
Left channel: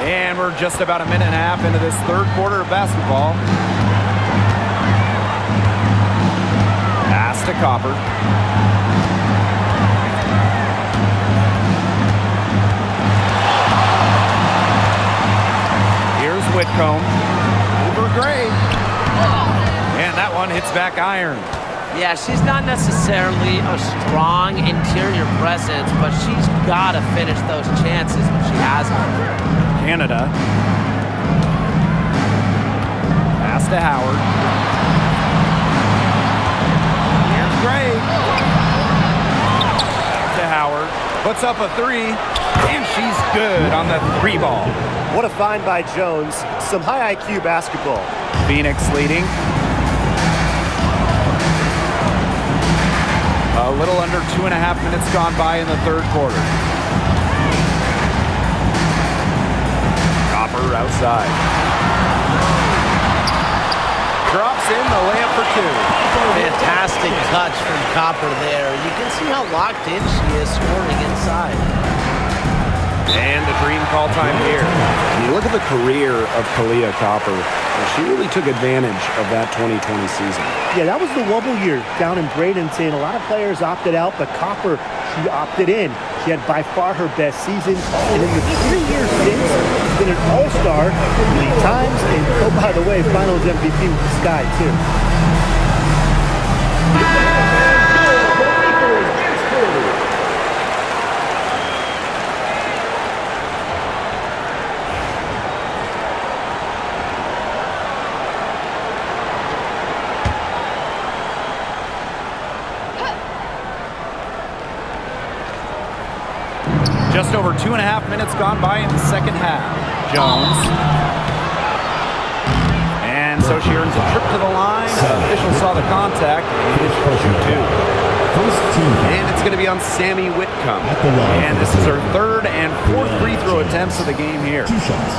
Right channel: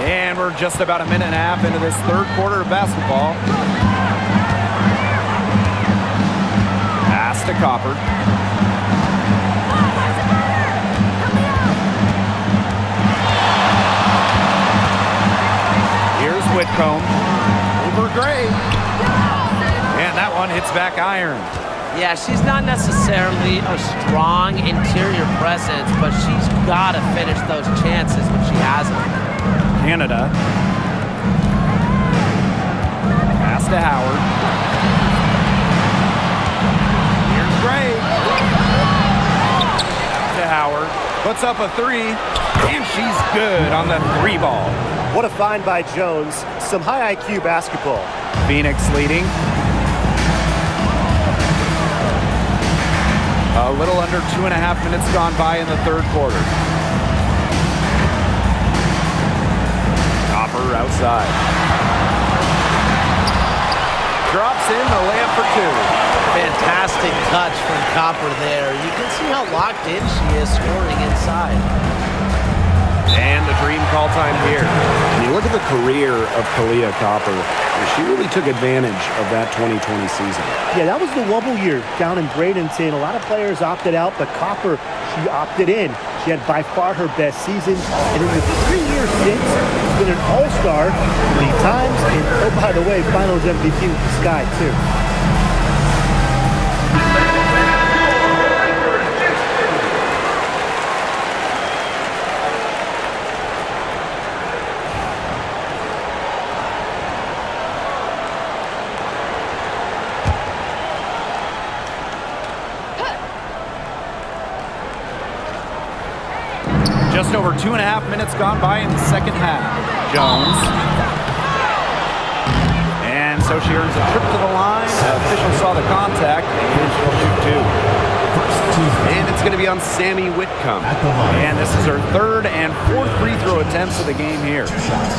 And we're just about a minute and a half into this third quarter of basketball. Pass to Copper. Here's Whitcomb. Over Gray. And that one hits back iron. Yeah, she's not necessarily a strong interior presence, but she's got to finish those chances when she has them. Canada. Pass to Howard. Here's Gray. Back to Howard. Puts up a 3, and she's good on the 3 ball. What a find by Jones. Some high IQ basketball. Phoenix leading. A little under 2.5 minutes gone by in the third quarter. Copper outside. Drops in the layup for 2. Fantastic touch from Copper there. You can see how locked in she is scoring inside. And a dream call time here. And you look at the career of Kalia Copper, and she really took advantage of that 2020 season. Yeah, that was the wobble year down in Bradenton. A lot of players opted out, but Copper, she opted in. She had by far her best season. And in the 3 years since, she's been an all-star 3 times. And, oh, by the way, finals MVP with the Sky, too. Just over 2.5 minutes gone by in the second half. Jones. And so she earns a trip to the line. Official saw the contact, and she'll shoot 2. And it's going to be on Sammy Whitcomb. And this is her 3rd and 4th free throw attempts of the game here. 2 shots.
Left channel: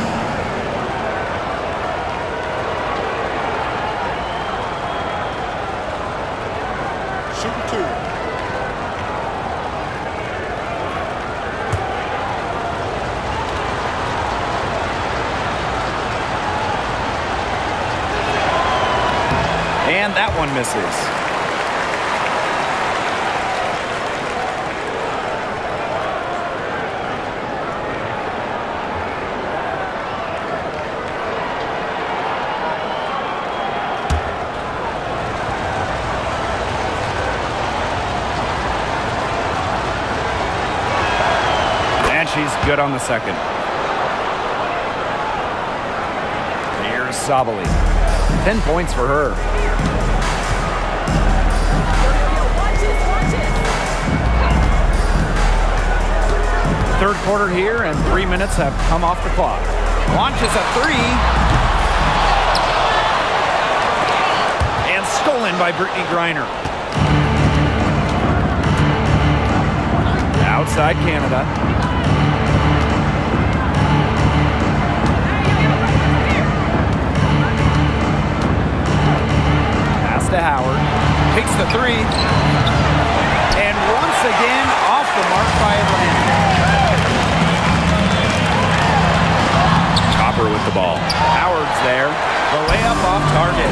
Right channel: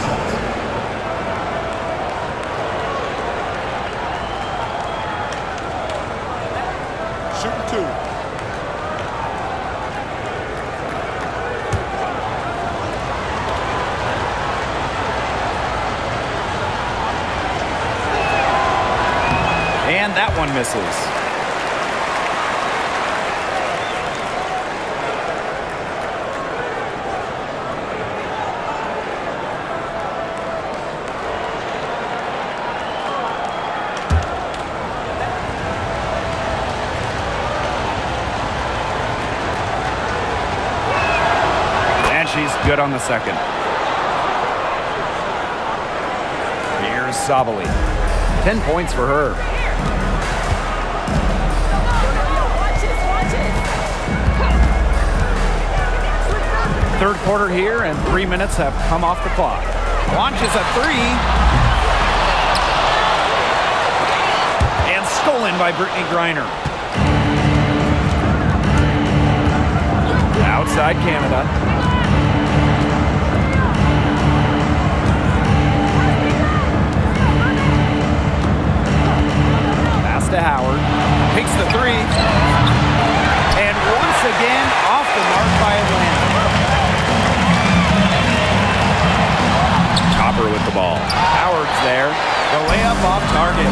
Shooting 2. And that one misses. And she's good on the second. Here's Sabali. 10 points for her. Third quarter here, and 3 minutes have come off the clock. Launches a 3. And stolen by Brittany Griner. Outside Canada. Pass to Howard. Takes the three. And once again, off the mark by Atlanta. Copper with the ball. Howard's there. The layup off target.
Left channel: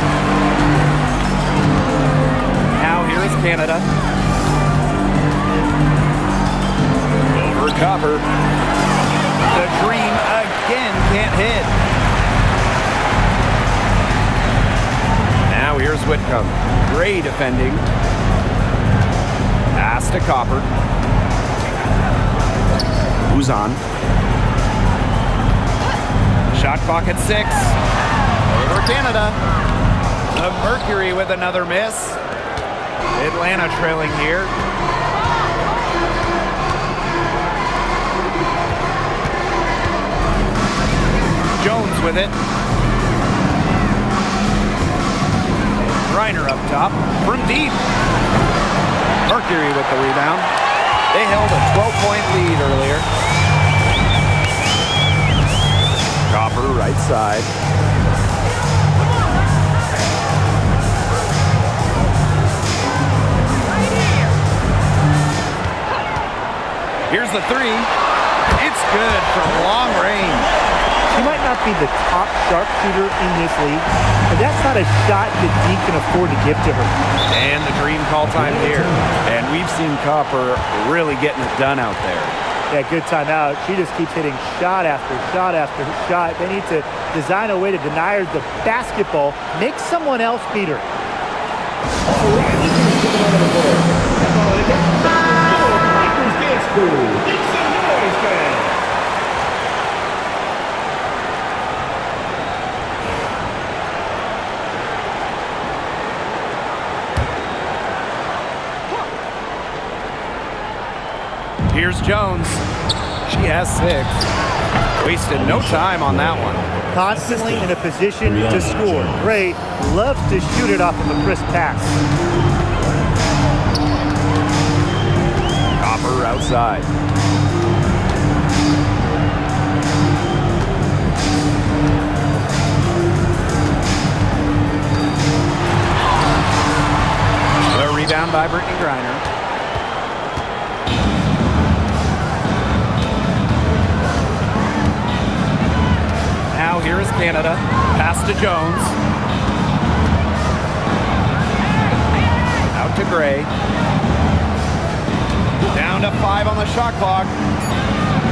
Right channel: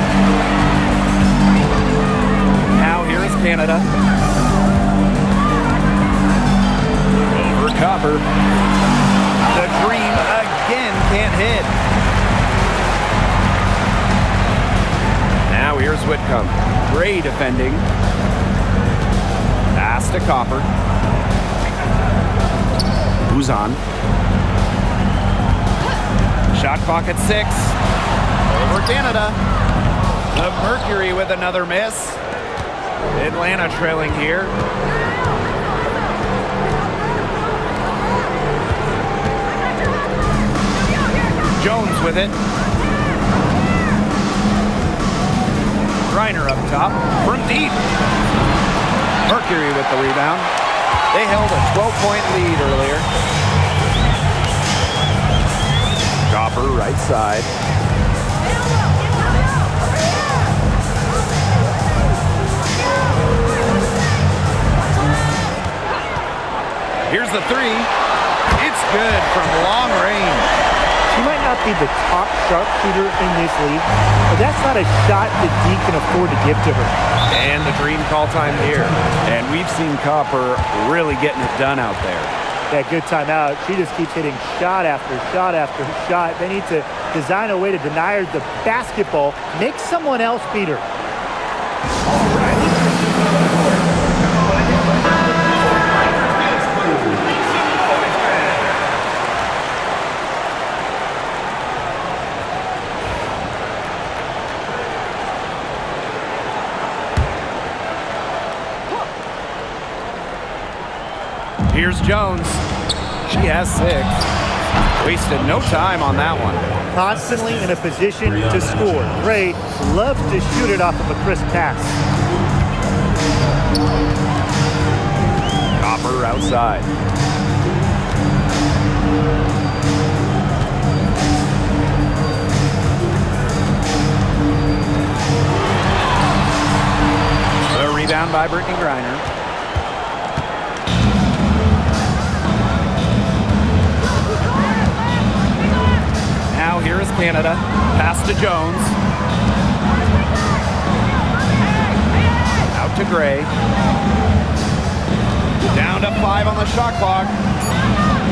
Now here is Canada. Over Copper. The Dream again can't hit. Now here's Whitcomb. Gray defending. Pass to Copper. Who's on? Shot clock at 6. Over Canada. The Mercury with another miss. Atlanta trailing here. Jones with it. Griner up top from deep. Mercury with the rebound. They held a 12-point lead earlier. Copper right side. Here's the three. It's good from long range. She might not be the top sharpshooter in this league, but that's not a shot that D can afford to give to her. And the Dream call time here. And we've seen Copper really getting it done out there. Yeah, good timeout. She just keeps hitting shot after shot after shot. They need to design a way to deny her the basketball, make someone else beat her. All right, let's get to the other court. Lakers dance crew. Make some noise, fans. Here's Jones. She has 6. Wasted no time on that one. Constantly in a position to score. Gray loves to shoot it off of a crisp pass. Copper outside. The rebound by Brittany Griner. Now here is Canada. Pass to Jones. Out to Gray. Down to 5 on the shot clock.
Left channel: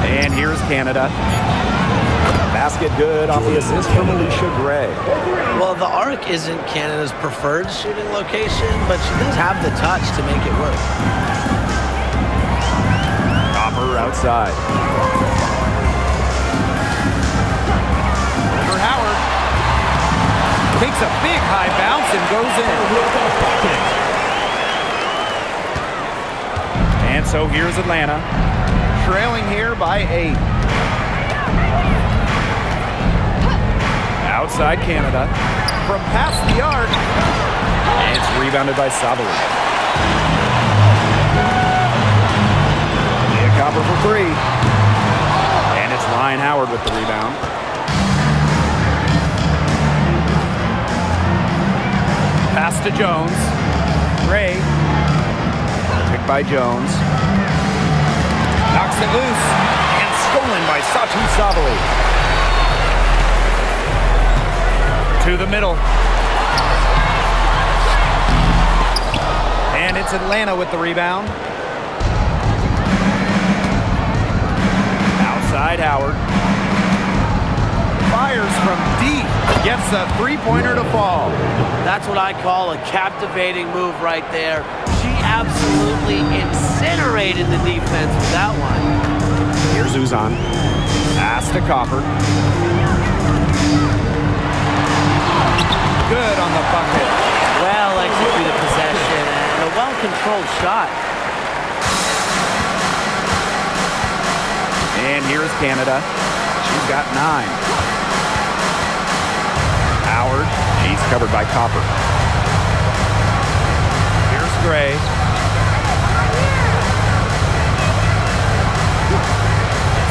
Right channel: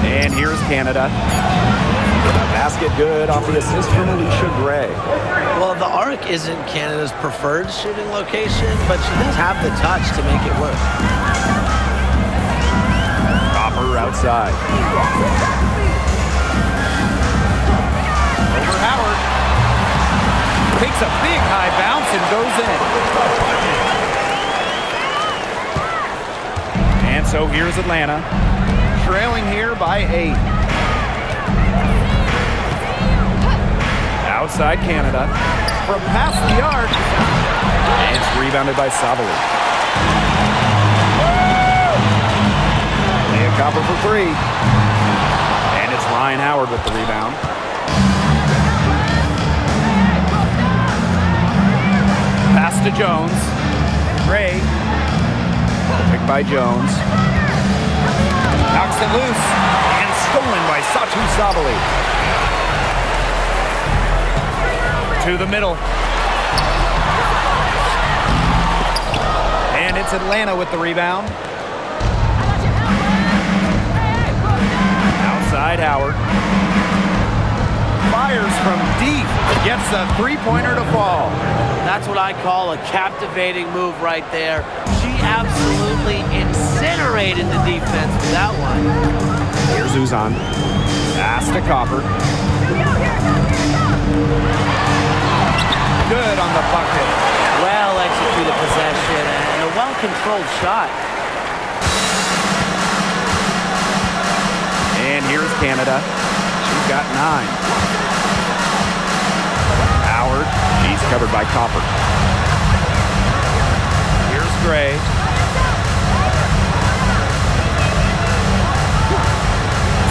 And here's Canada. A basket good off the assist from Alicia Gray. Well, the arc isn't Canada's preferred shooting location, but she does have the touch to make it work. Copper outside. Over Howard. Takes a big high bounce and goes in. And so here's Atlanta. Trailing here by 8. Outside Canada. From past the arc. And it's rebounded by Savali. Leah Copper for 3. And it's Ryan Howard with the rebound. Pass to Jones. Gray. Picked by Jones. Knocks it loose. And stolen by Satu Savali. To the middle. And it's Atlanta with the rebound. Outside Howard. Fires from deep. Gets a three-pointer to fall. That's what I call a captivating move right there. She absolutely incinerated the defense with that one. Here's Uzan. Pass to Copper. Good on the bucket. Well executed possession and a well-controlled shot. And here's Canada. She's got 9. Howard. She's covered by Copper. Here's Gray.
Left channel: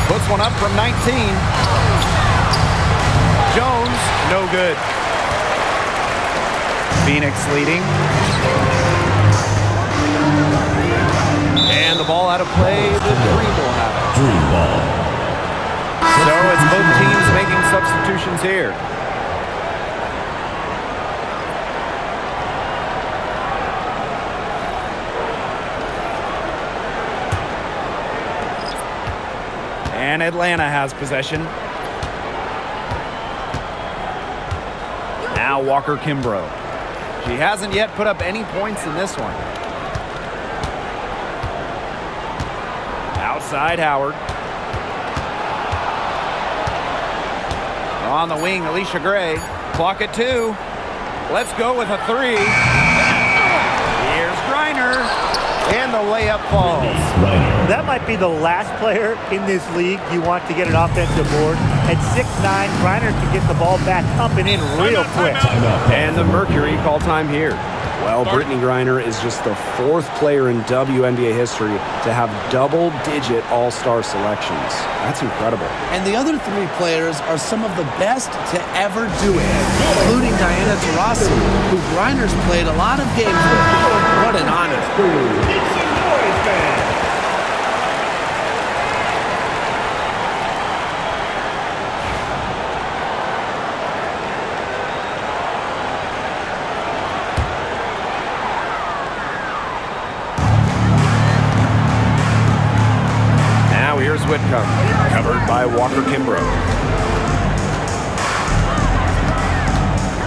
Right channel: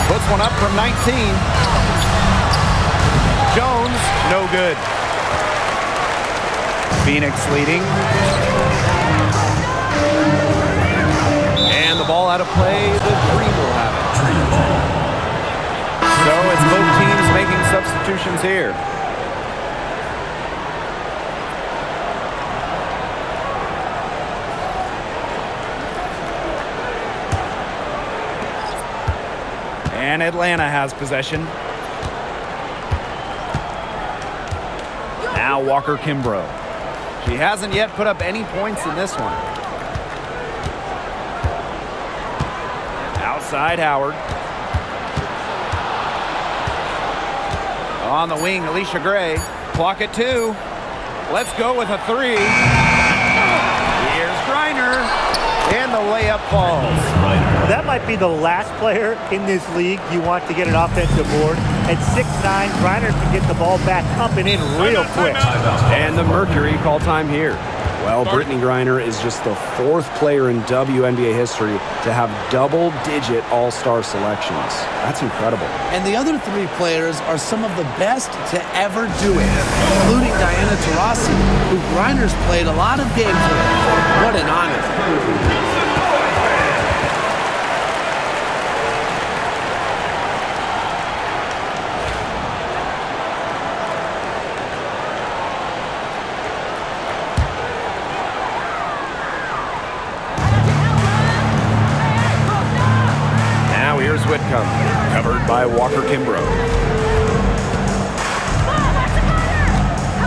Puts one up from 19. Jones, no good. Phoenix leading. to play, the Dream will have it. Dream ball. So it's both teams making substitutions here. And Atlanta has possession. Now Walker Kimbrough. She hasn't yet put up any points in this one. Outside Howard. On the wing, Alicia Gray. Clock at 2. Let's go with a 3. Here's Griner. And the layup falls. That might be the last player in this league you want to get an offensive board. At 6'9", Griner can get the ball back up and in real quick. And the Mercury call time here. Well, Brittany Griner is just the 4th player in WNBA history to have double-digit all-star selections. That's incredible. And the other 3 players are some of the best to ever do it, including Diana Taurasi, who Griner's played a lot of games with. What an honor. Now here's Whitcomb, covered by Walker Kimbrough.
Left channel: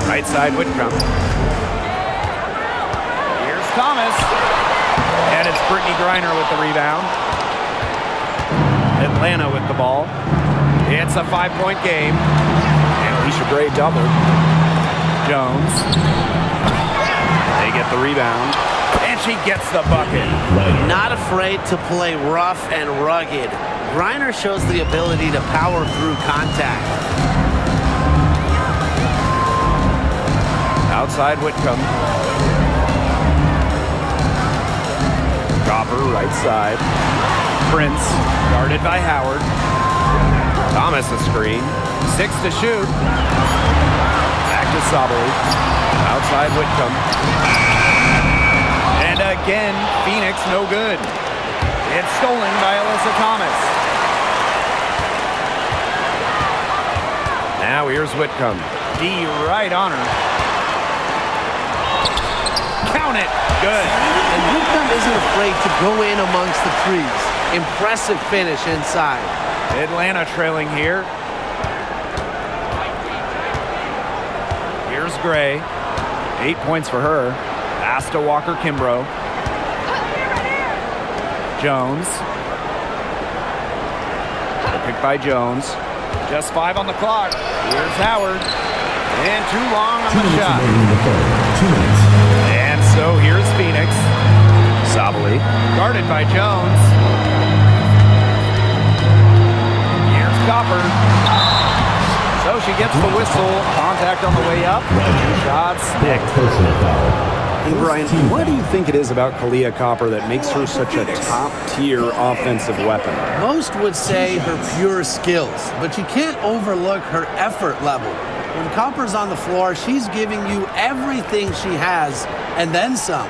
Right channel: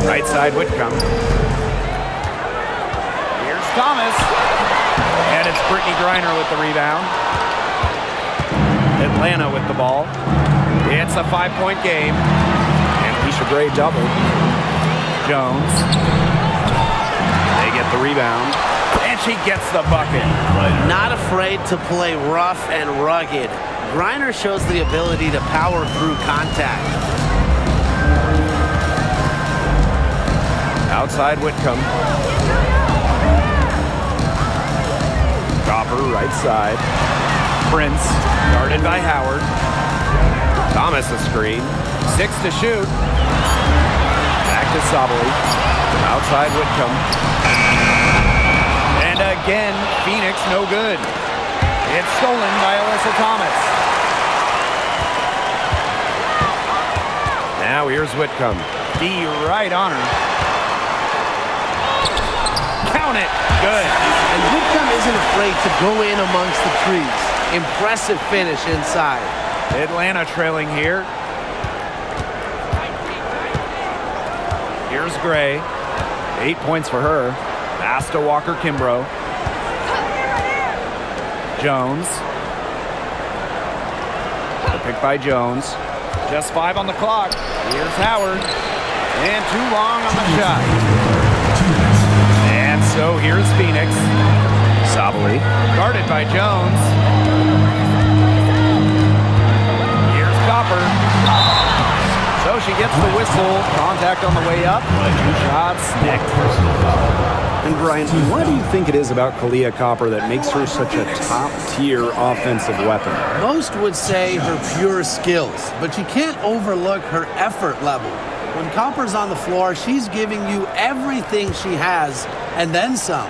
Right side Whitcomb. Here's Thomas. And it's Brittany Griner with the rebound. Atlanta with the ball. It's a 5-point game. And Alicia Gray double. Jones. They get the rebound. And she gets the bucket. Not afraid to play rough and rugged. Griner shows the ability to power through contact. Outside Whitcomb. Copper right side. Prince, guarded by Howard. Thomas a screen. 6 to shoot. Back to Sabali. Outside Whitcomb. And again, Phoenix no good. It's stolen by Alyssa Thomas. Now here's Whitcomb. D right on her. Count it. Good. And Whitcomb isn't afraid to go in amongst the trees. Impressive finish inside. Atlanta trailing here. Here's Gray. 8 points for her. Pass to Walker Kimbrough. Jones. The pick by Jones. Just 5 on the clock. Here's Howard. And too long on the shot. And so here's Phoenix. Sabali. Guarded by Jones. Here's Copper. So she gets the whistle. Contact on the way up. 2 shots next. Personal foul. And Brian, what do you think it is about Kalia Copper that makes her such a top-tier offensive weapon? Most would say her pure skills, but you can't overlook her effort level. When Copper's on the floor, she's giving you everything she has and then some.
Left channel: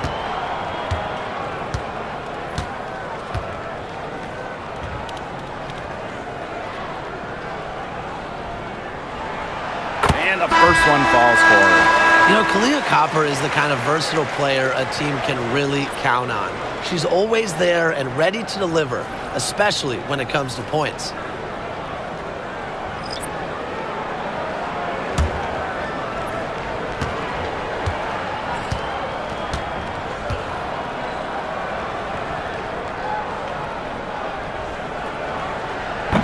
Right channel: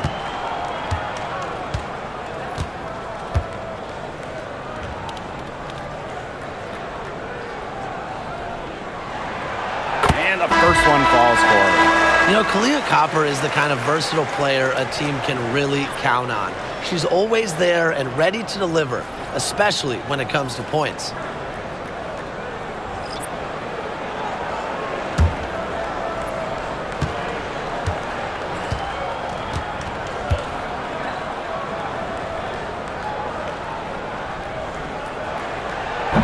And the first one falls for her. You know, Kalia Copper is the kind of versatile player a team can really count on. She's always there and ready to deliver, especially when it comes to points.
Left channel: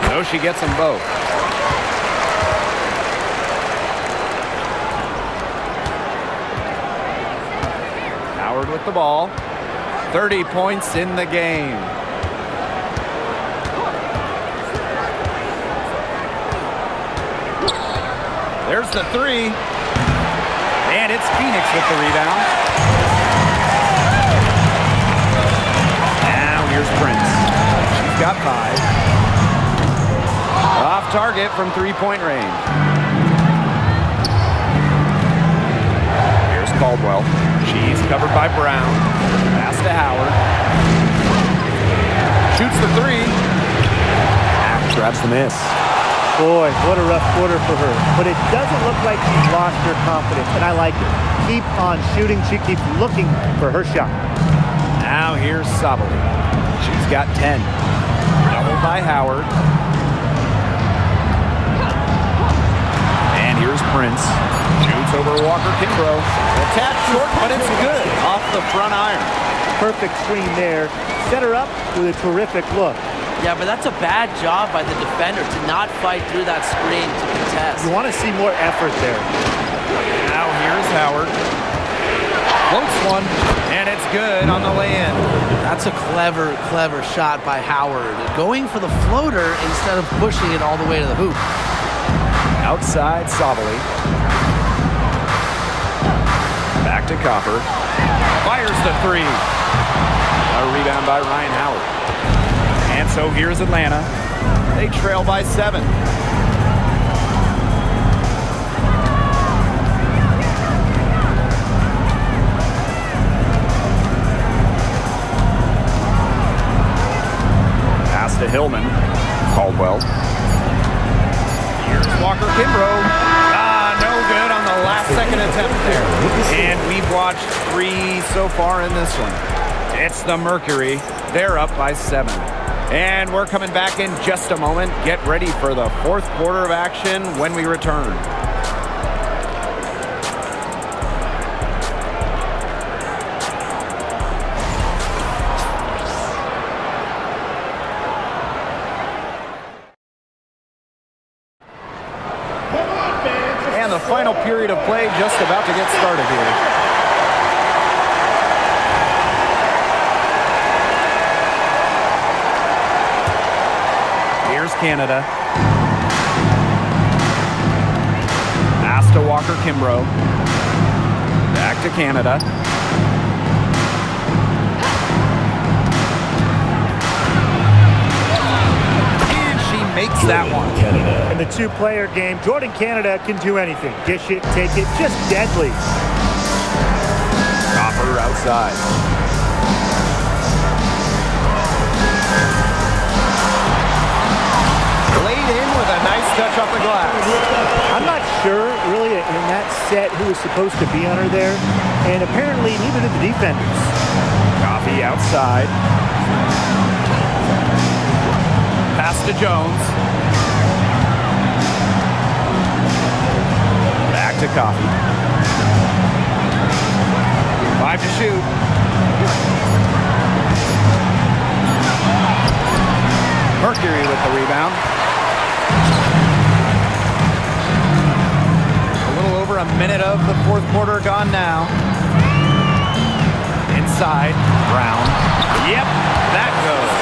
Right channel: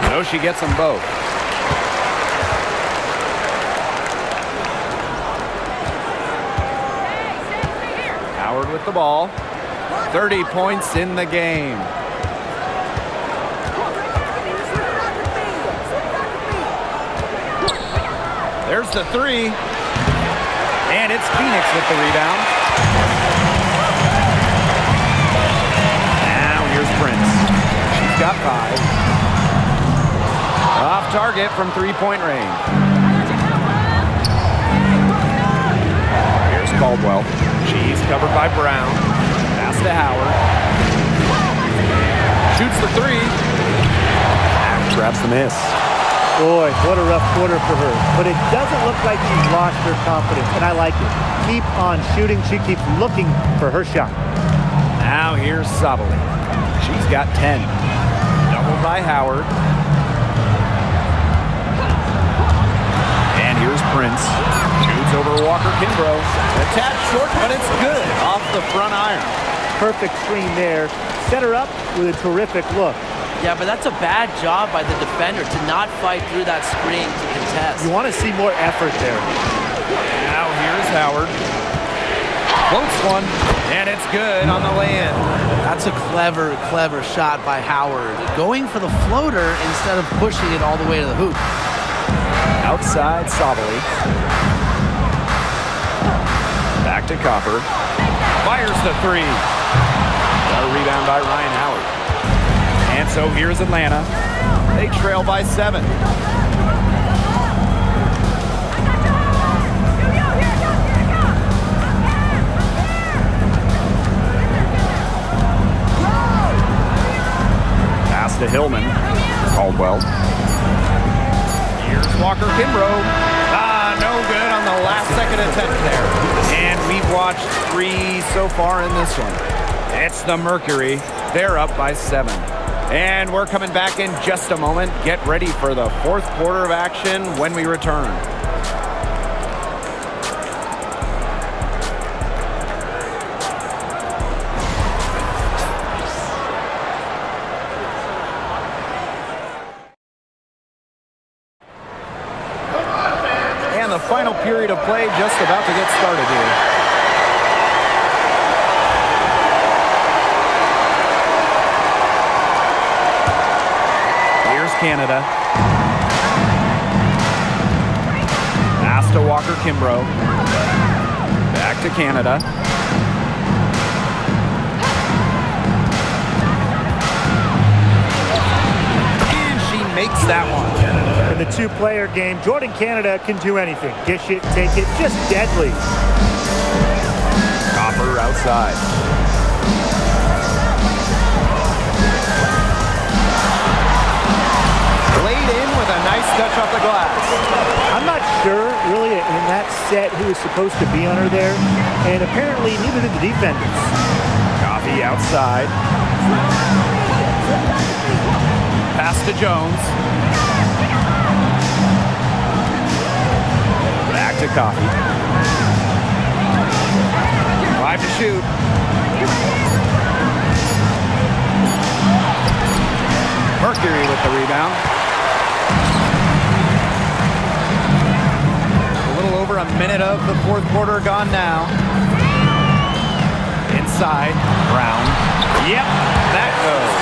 So she gets them both. Howard with the ball. 30 points in the game. There's the 3. And it's Phoenix with the rebound. Now here's Prince. She's got 5. Off target from 3-point range. Here's Caldwell. She's covered by Brown. Pass to Howard. Shoots the three. Grabs the miss. Boy, what a rough quarter for her. But it doesn't look like she's lost her confidence, and I like it. Keep on shooting. She keeps looking for her shot. Now here's Sabali. She's got 10. Doubled by Howard. And here's Prince. Shoots over Walker Kimbrough. Attached short, but it's good. Off the front iron. Perfect screen there. Set her up with a terrific look. Yeah, but that's a bad job by the defender to not fight through that screen to contest. You want to see more effort there. Now here's Howard. Floats one, and it's good on the lay-in. That's a clever, clever shot by Howard. Going for the floater instead of pushing it all the way to the hoop. Outside Sabali. Back to Copper. Fires the three. Got a rebound by Ryan Howard. And so here's Atlanta. They trail by 7. Pass to Hillman. Caldwell. Here's Walker Kimbrough. No good on the last second attempt there. And we've watched 3 so far in this one. It's the Mercury. They're up by 7. And we're coming back in just a moment. Get ready for the 4th quarter of action when we return. And the final period of play just about to get started here. Here's Canada. Pass to Walker Kimbrough. Back to Canada. And she makes that one. In the 2-player game, Jordan Canada can do anything. Dish it, take it, just deadly. Copper outside. Laid in with a nice touch off the glass. I'm not sure, really, in that set who was supposed to be on her there, and apparently neither did the defenders. Coffee outside. Pass to Jones. Back to Coffee. 5 to shoot. Mercury with the rebound. A little over a minute of the 4th quarter gone now. Inside, Brown. Yep, that goes.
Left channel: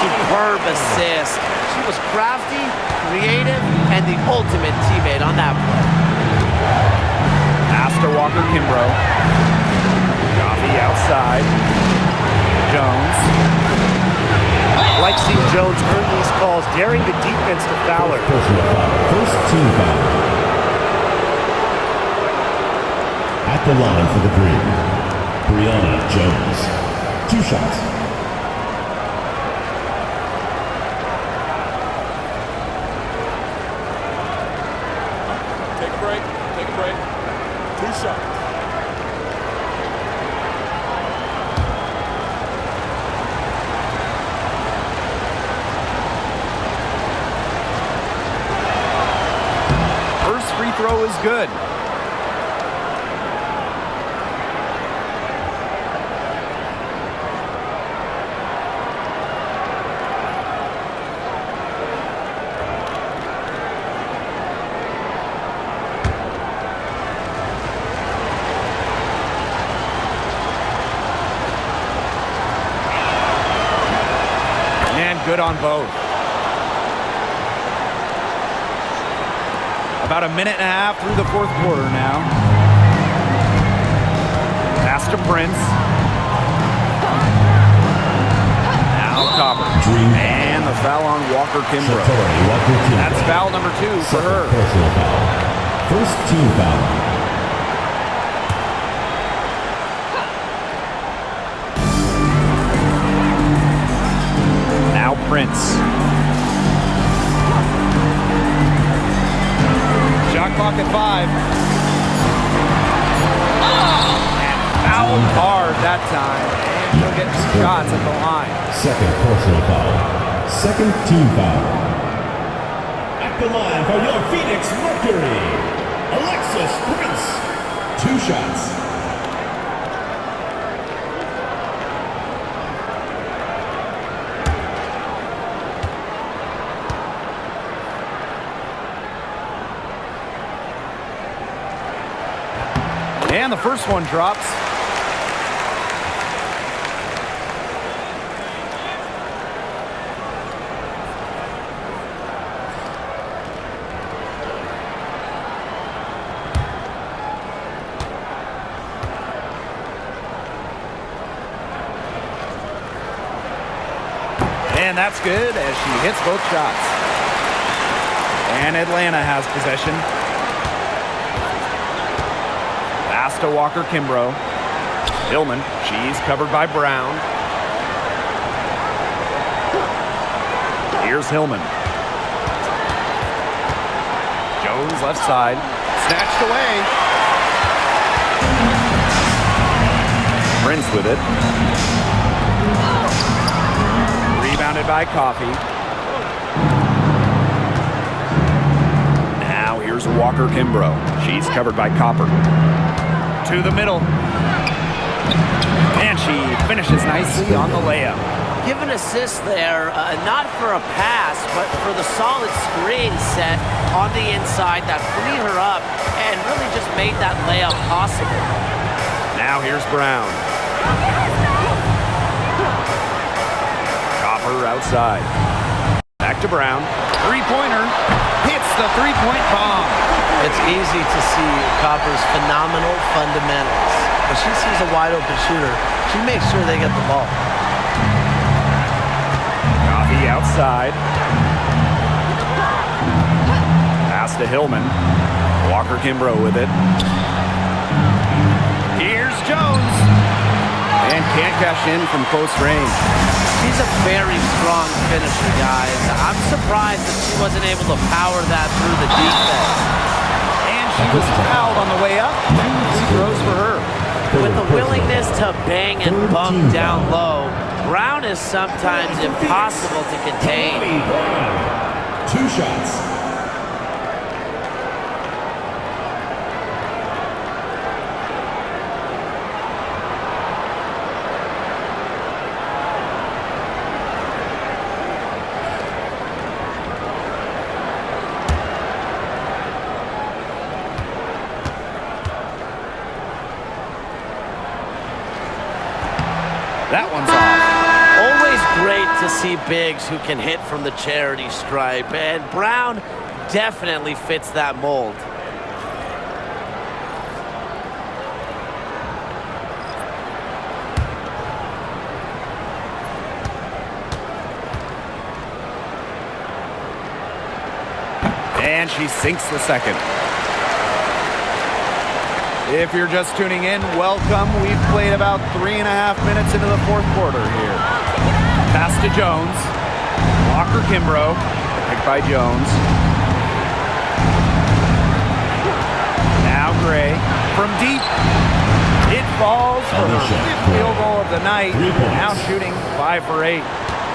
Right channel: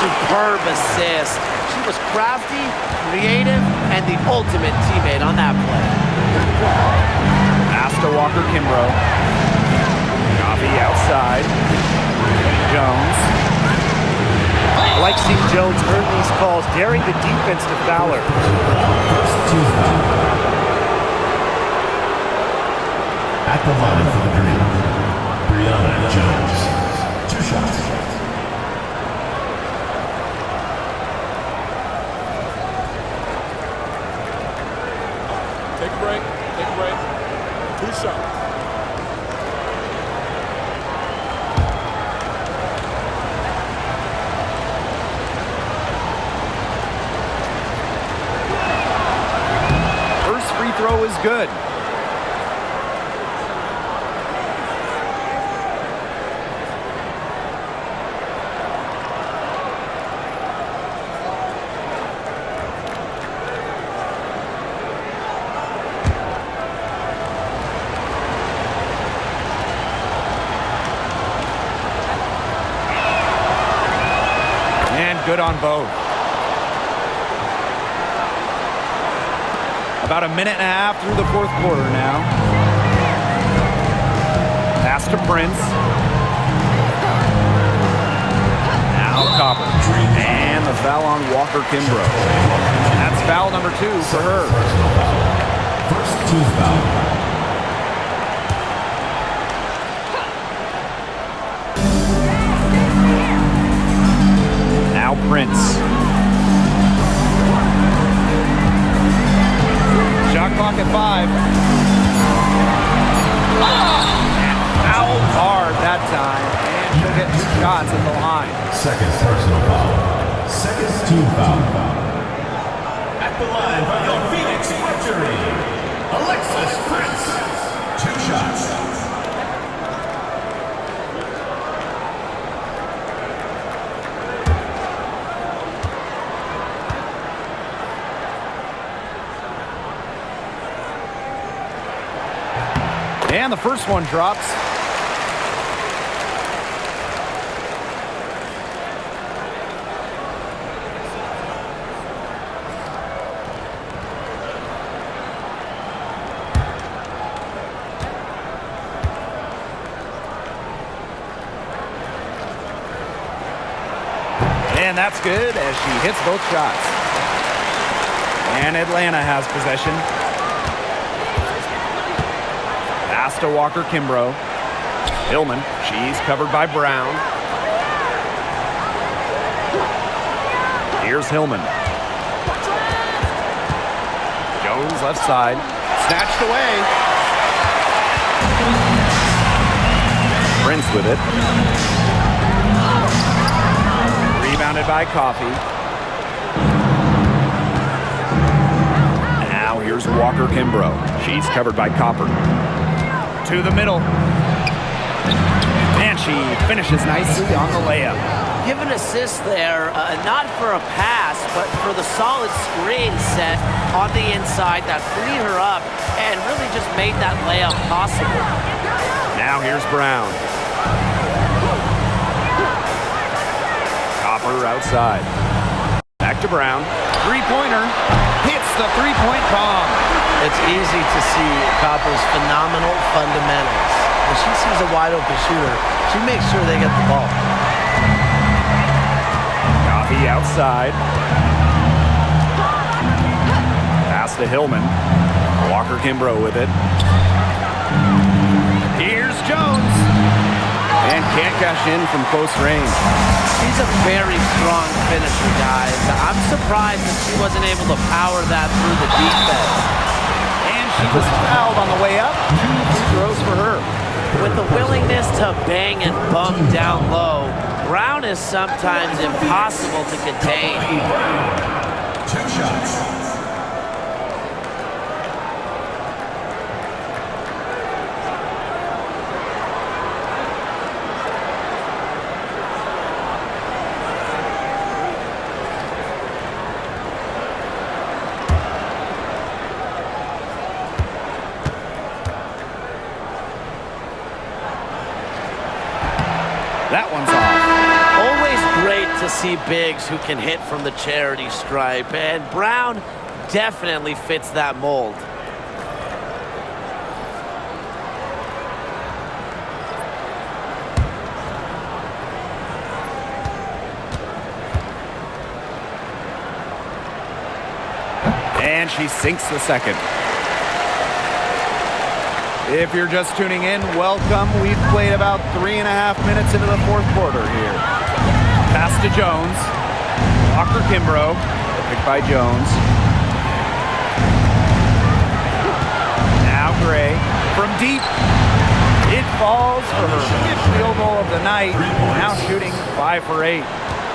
Superb assist. She was crafty, creative, and the ultimate teammate on that play. Pass to Walker Kimbrough. Coffee outside. Jones. I like seeing Jones earn these calls, daring the defense to foul her. First team foul. At the line for the Green, Brianna Jones. 2 shots. Take a break. Take a break. 2 shots. First free throw is good. And good on both. About a minute and a half through the 4th quarter now. Pass to Prince. Now Copper. And the foul on Walker Kimbrough. That's foul number 2 for her. Personal foul. First team foul. Now Prince. Shot clock at 5. And fouled hard that time. And she'll get 2 shots at the line. Second personal foul. Second team foul. At the line for your Phoenix Mercury, Alexis Prince. 2 shots. And the first one drops. And that's good as she hits both shots. And Atlanta has possession. Pass to Walker Kimbrough. Hillman, she's covered by Brown. Here's Hillman. Jones left side. Snatched away. Prince with it. Rebounded by Coffey. Now here's Walker Kimbrough. She's covered by Copper. To the middle. And she finishes nicely on the layup. Give an assist there, not for a pass, but for the solid screen set on the inside that freed her up and really just made that layup possible. Now here's Brown. Copper outside. Back to Brown. Three-pointer. Hits the three-point bomb. It's easy to see Copper's phenomenal fundamentals. When she sees a wide-open shooter, she makes sure they get the ball. Coffey outside. Pass to Hillman. Walker Kimbrough with it. Here's Jones. And can't cash in from close range. She's a very strong finisher, guys. I'm surprised that she wasn't able to power that through the defense. And she was fouled on the way up. 2 free throws for her. With the willingness to bang and bump down low, Brown is sometimes impossible to contain. 2 shots. That one's off. Always great to see bigs who can hit from the charity stripe, and Brown definitely fits that mold. And she sinks the second. If you're just tuning in, welcome. We've played about 3.5 minutes into the fourth quarter here. Pass to Jones. Walker Kimbrough. Picked by Jones. Now Gray. From deep. It falls for her 5th field goal of the night. Now shooting 5 for 8.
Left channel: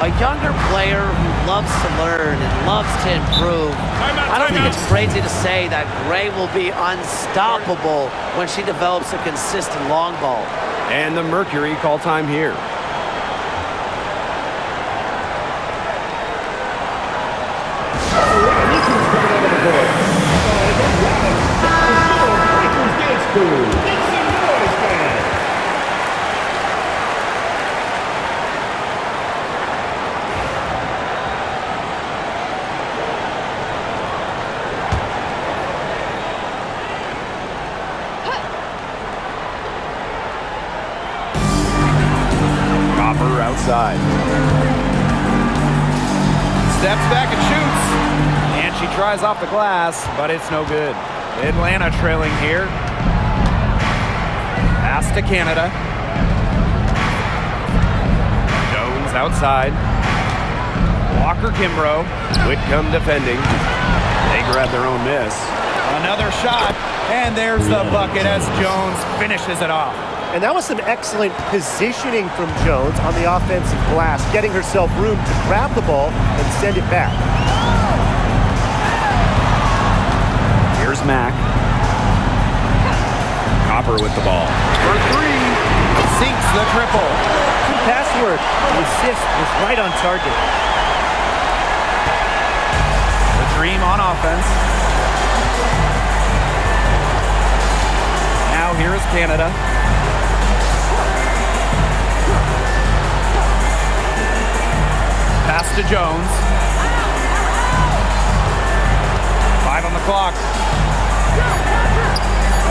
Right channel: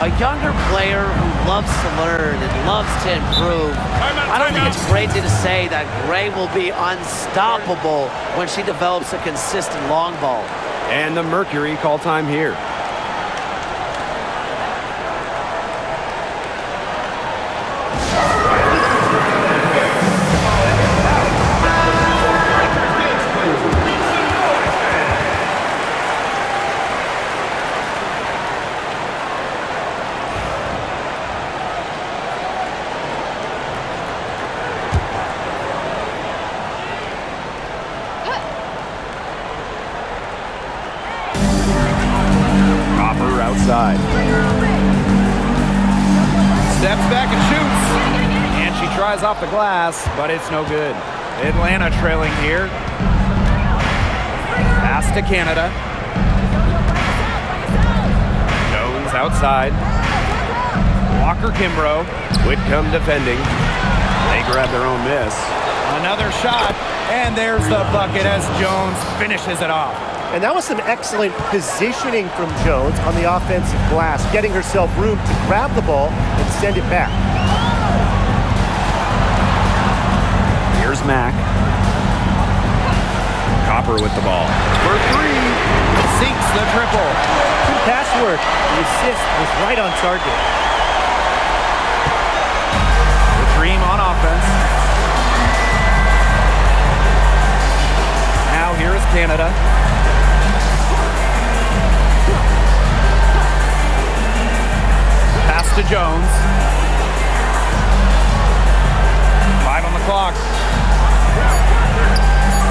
A younger player who loves to learn and loves to improve. I don't think it's crazy to say that Gray will be unstoppable when she develops a consistent long ball. And the Mercury call time here. Outside. Steps back and shoots. And she tries off the glass, but it's no good. Atlanta trailing here. Pass to Canada. Jones outside. Walker Kimbrough. Whitcomb defending. They grab their own miss. Another shot, and there's the bucket as Jones finishes it off. And that was some excellent positioning from Jones on the offensive glass, getting herself room to grab the ball and send it back. Here's Mack. Copper with the ball. For three, sinks the triple. Good pass work. The assist was right on target. The Dream on offense. Now here is Canada. Pass to Jones. 5 on the clock.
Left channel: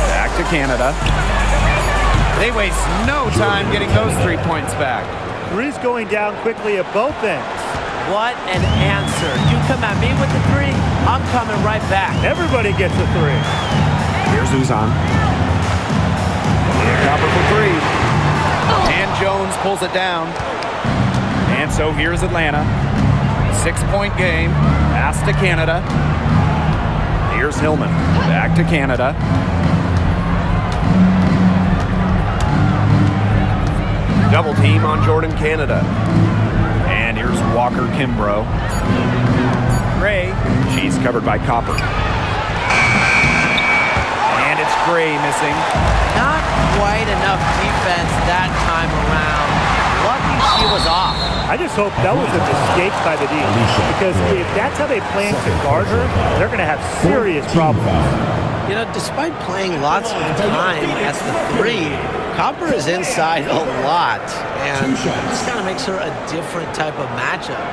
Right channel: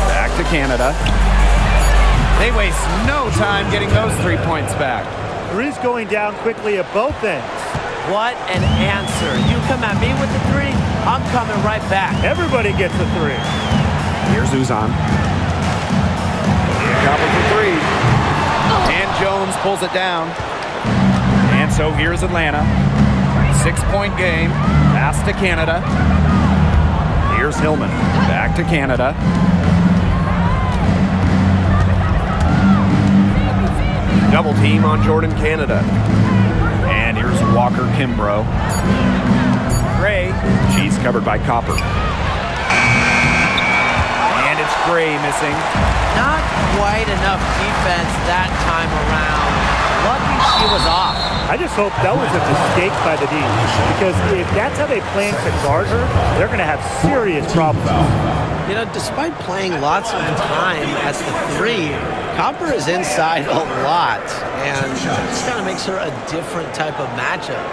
Back to Canada. They waste no time getting those 3 points back. Three's going down quickly at both ends. What an answer. You come at me with the three, I'm coming right back. Everybody gets a three. Here's Uzan. Copper for three. And Jones pulls it down. And so here's Atlanta. 6-point game. Pass to Canada. Here's Hillman. Back to Canada. Double team on Jordan Canada. And here's Walker Kimbrough. Gray. She's covered by Copper. And it's Gray missing. Not quite enough defense that time around. Lucky she was off. I just hope that was a mistake by the D, because if that's how they plan to guard her, they're going to have serious problems. You know, despite playing lots of time at the three, Copper is inside a lot, and it just kind of makes her a different type of matchup.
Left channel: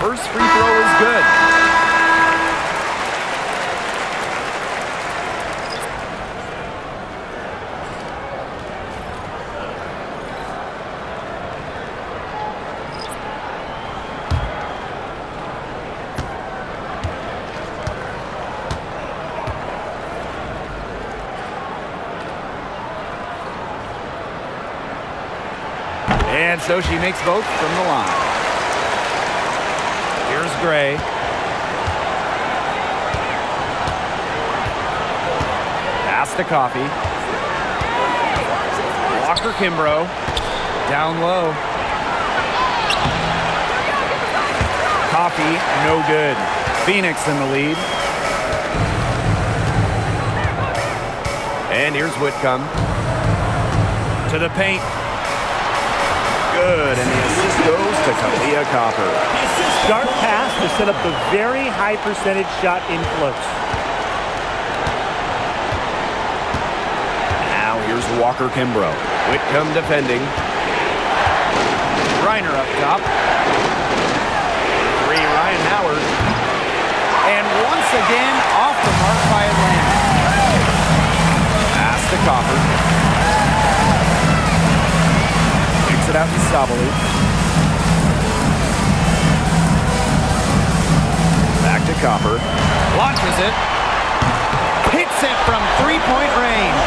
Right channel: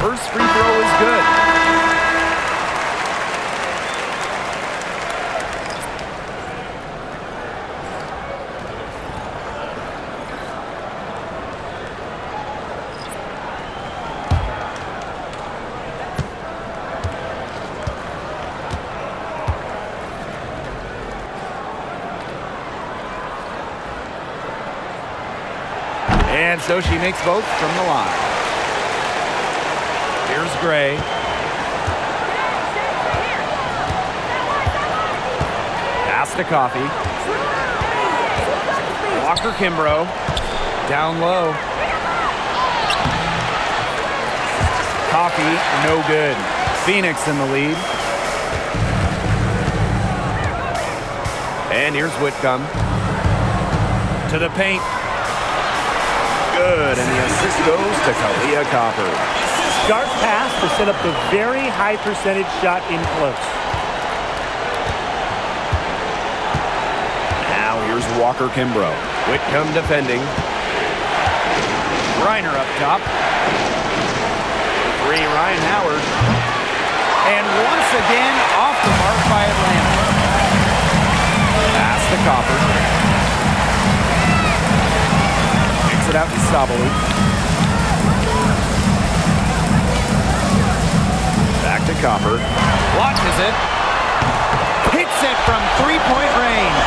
First free throw is good. And so she makes both from the line. Here's Gray. Pass to Coffey. Walker Kimbrough. Down low. Coffey, no good. Phoenix in the lead. And here's Whitcomb. To the paint. Good, and the assist goes to Kalia Copper. Sharp pass to set up the very high percentage shot in close. Now here's Walker Kimbrough. Whitcomb defending. Reiner up top. For three, Ryan Howard. And once again, off the mark by Atlanta. Pass to Copper. Kicks it out to Sabali. Back to Copper. Launches it. Hits it from three-point range.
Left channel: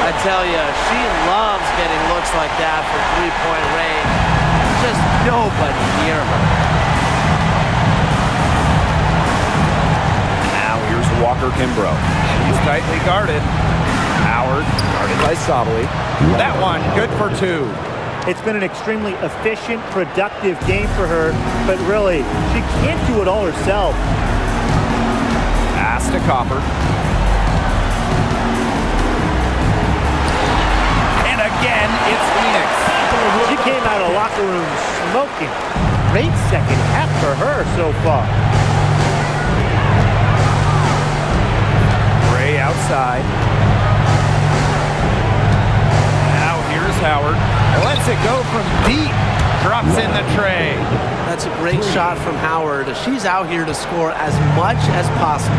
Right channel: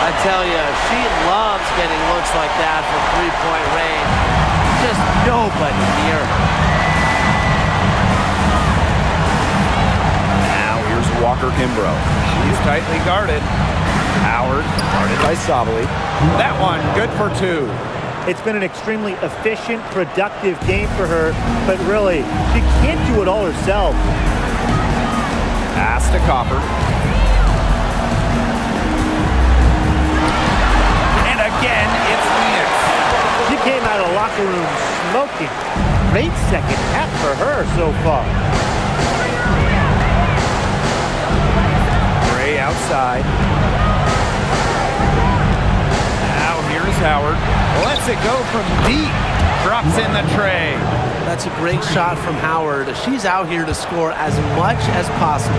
I tell you, she loves getting looks like that from three-point range. Just nobody near her. Now here's Walker Kimbrough. She's tightly guarded. Howard guarded by Sabali. That one good for two. It's been an extremely efficient, productive game for her, but really, she can't do it all herself. Pass to Copper. And again, it's Phoenix. She came out of the locker room smoking. Great second half for her so far. Gray outside. Now here's Howard. Lets it go from deep. Drops in the tray. That's a great shot from Howard. She's out here to score as much as possible.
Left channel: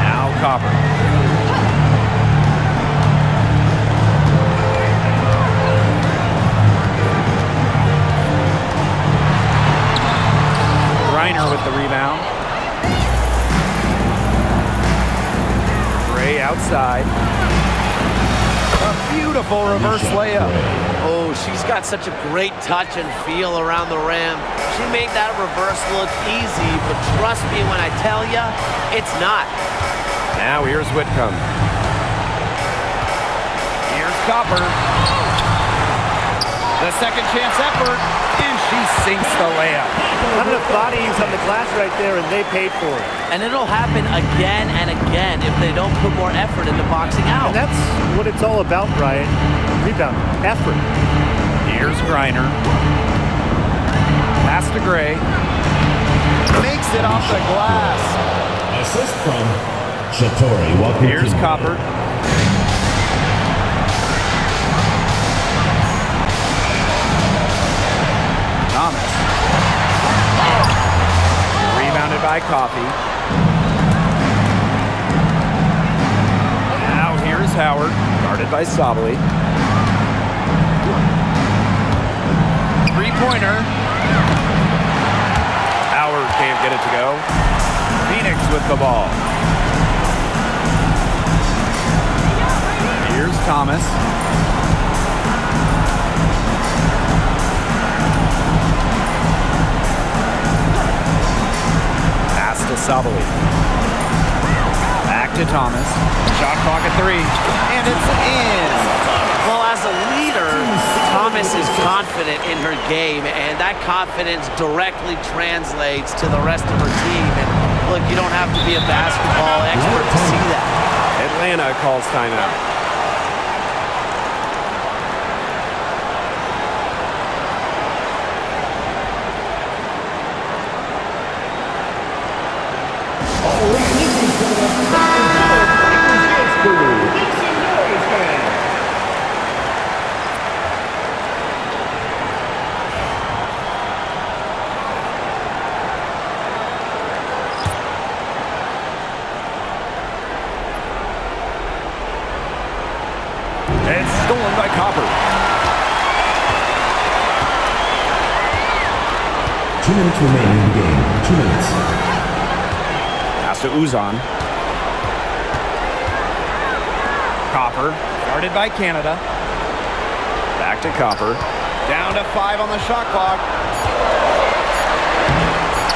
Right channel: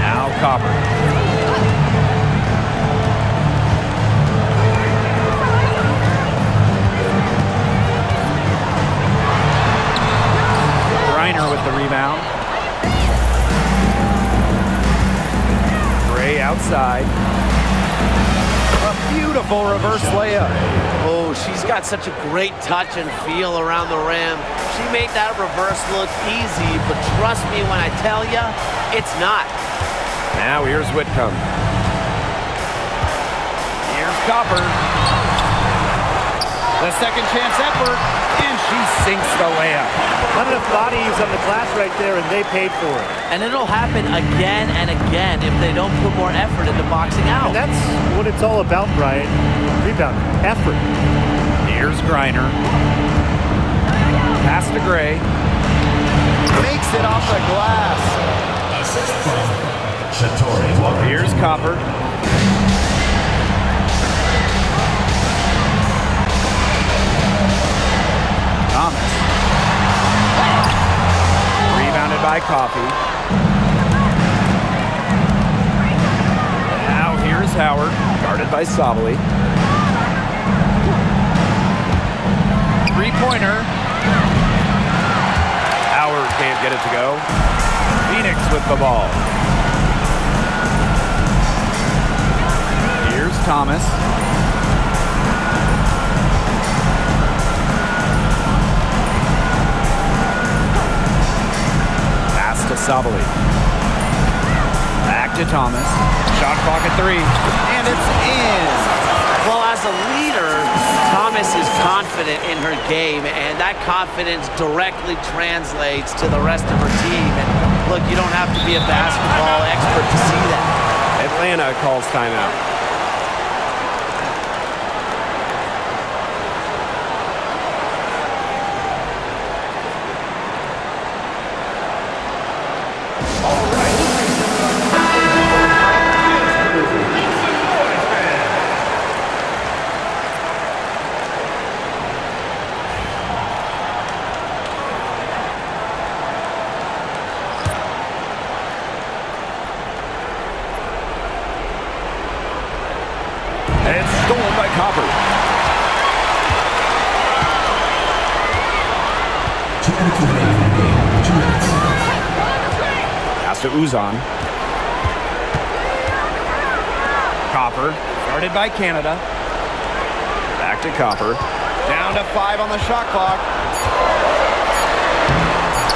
Now Copper. Griner with the rebound. Gray outside. A beautiful reverse layup. Oh, she's got such a great touch and feel around the rim. She made that reverse look easy, but trust me when I tell you, it's not. Now here's Whitcomb. Here's Copper. The second chance effort, and she sinks the layup. Not enough bodies on the glass right there, and they paid for it. And it'll happen again and again if they don't put more effort into boxing out. And that's what it's all about, Brian. Rebound, effort. Here's Griner. Pass to Gray. Makes it off the glass. Assist from Shatori Walker. Here's Copper. Thomas. Rebounded by Coffey. Now here's Howard. Guarded by Sabali. Three-pointer. Howard can't get it to go. Phoenix with the ball. Here's Thomas. Pass to Sabali. Back to Thomas. Shot clock at 3. And it's in. Well, as a leader, Thomas is confident in her game, and that confidence directly translates to the rest of her team. And look, you don't have to be a basketball expert to see that. Atlanta calls timeout. It's stolen by Copper. 2 minutes remaining in the game. 2 minutes. Pass to Uzan. Copper, guarded by Canada. Back to Copper. Down to 5 on the shot clock.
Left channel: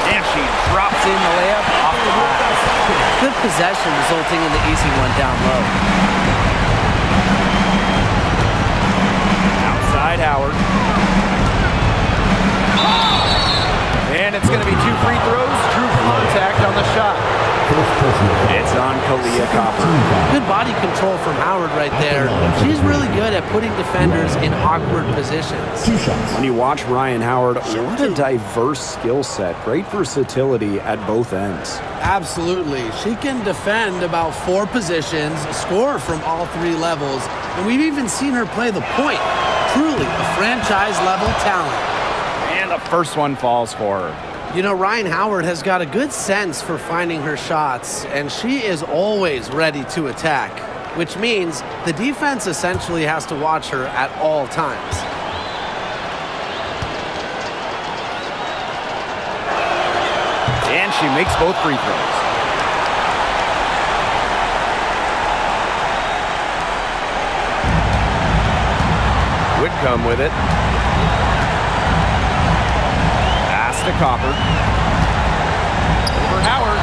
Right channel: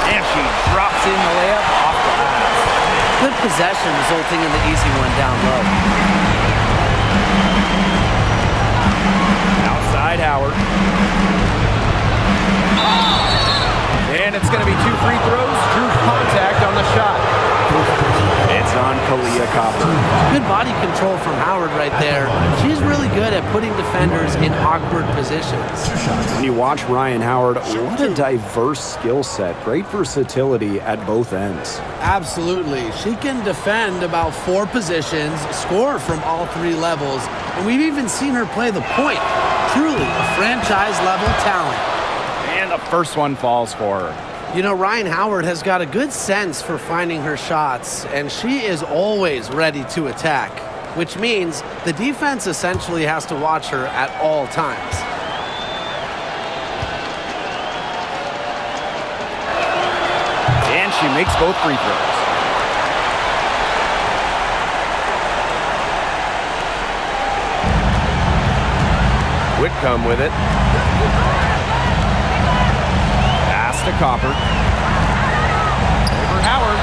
And she drops in the layup off the glass. Good possession resulting in the easy one down low. Outside Howard. And it's going to be 2 free throws. Drew contact on the shot. It's on Kalia Copper. Good body control from Howard right there. She's really good at putting defenders in awkward positions. 2 shots. When you watch Ryan Howard, what a diverse skill set. Great versatility at both ends. Absolutely. She can defend about 4 positions, score from all 3 levels, and we've even seen her play the point. Truly a franchise-level talent. And the first one falls for her. You know, Ryan Howard has got a good sense for finding her shots, and she is always ready to attack, which means the defense essentially has to watch her at all times. And she makes both free throws. Whitcomb with it. Pass to Copper. Over Howard.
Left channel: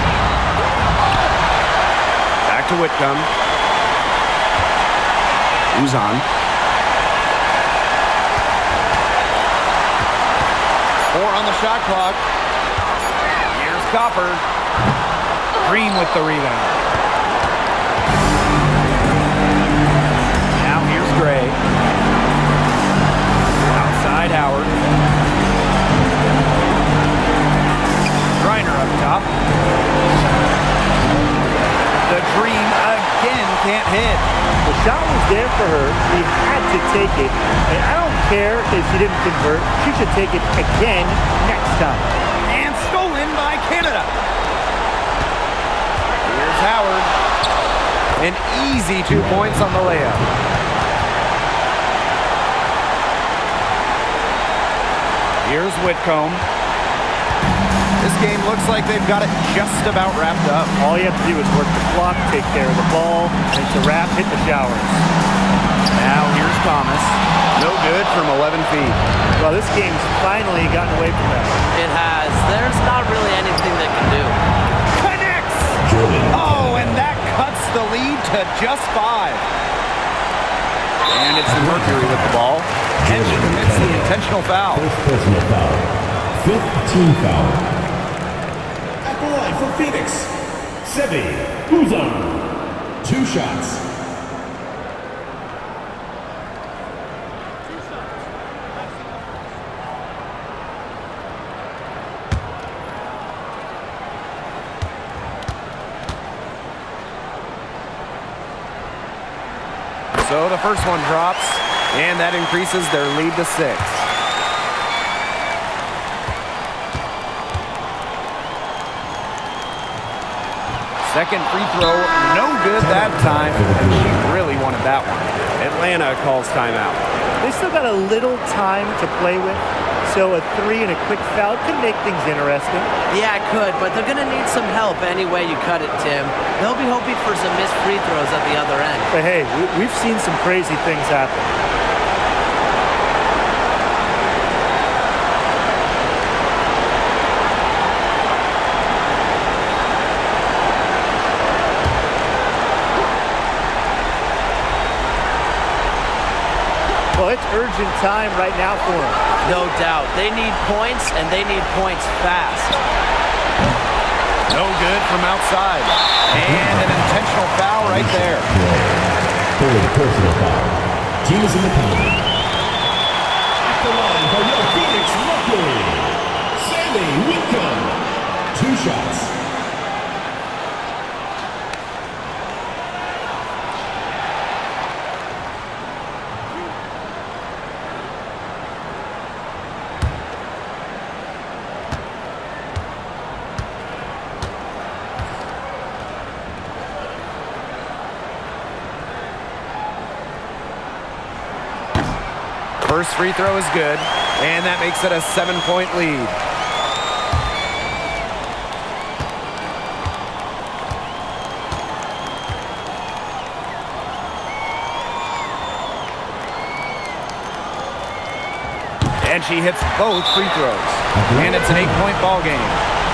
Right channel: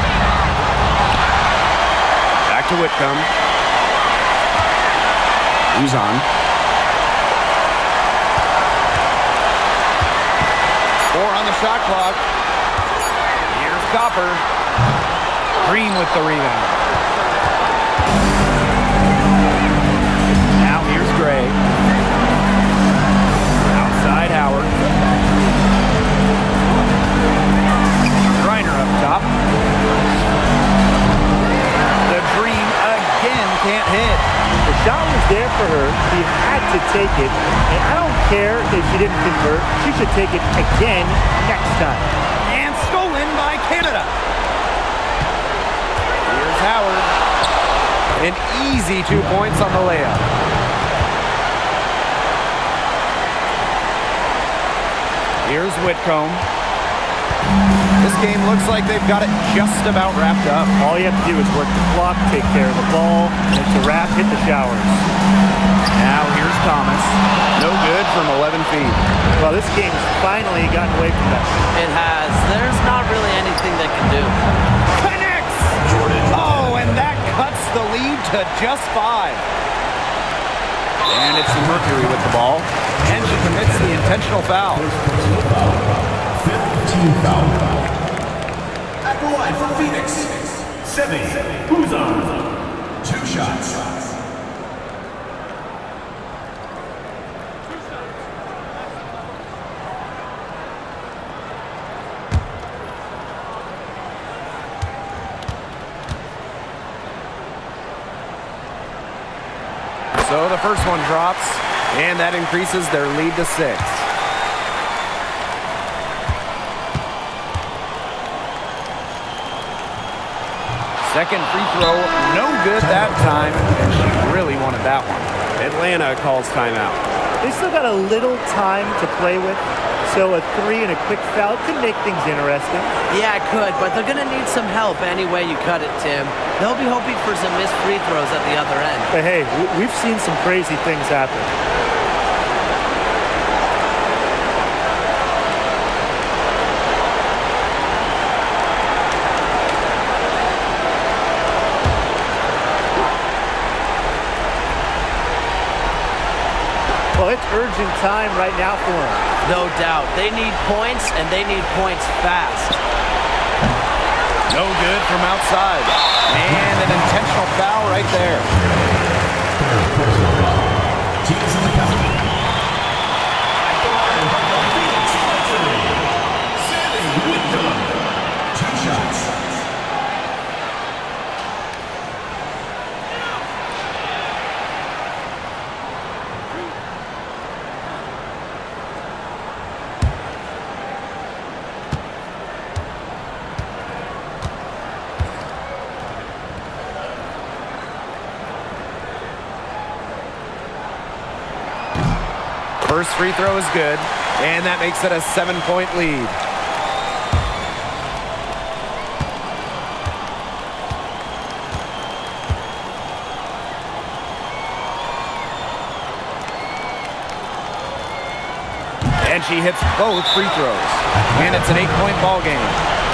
Back to Whitcomb. Uzan. 4 on the shot clock. Here's Copper. Green with the rebound. Now here's Gray. Outside Howard. Griner up top. The dream again can't hit. The shot was there for her. She had to take it. And I don't care if she didn't convert. She should take it again next time. And stolen by Canada. Here's Howard. An easy 2 points on the layup. Here's Whitcomb. This game looks like they've got it just about wrapped up. All you have to do is work the clock, take care of the ball, and it's a wrap. Hit the showers. Now here's Thomas. No good from 11 feet. Well, this game's finally gotten away from them. It has. There's not really anything they can do. Connects! Jordan. Oh, and that cuts the lead to just 5. And it's the Mercury with the ball. And she commits the intentional foul. First personal foul. 5th team foul. At the line for Phoenix, Sevi Uzan. 2 shots. So the first one drops, and that increases their lead to 6. Second free throw, no good that time, and she really wanted that one. Atlanta calls timeout. They still got a little time to play with, so a 3 and a quick foul could make things interesting. Yeah, it could, but they're going to need some help any way you cut it, Tim. They'll be hoping for some missed free throws at the other end. But hey, we've seen some crazy things happen. Well, it's urgent time right now for them. No doubt. They need points, and they need points fast. No good from outside. And an intentional foul right there. Third personal foul. Team is in the penalty. At the line for your Phoenix Mercury, Sandy Whitcomb. 2 shots. First free throw is good, and that makes it a 7-point lead. And she hits both free throws. And it's an 8-point ball game.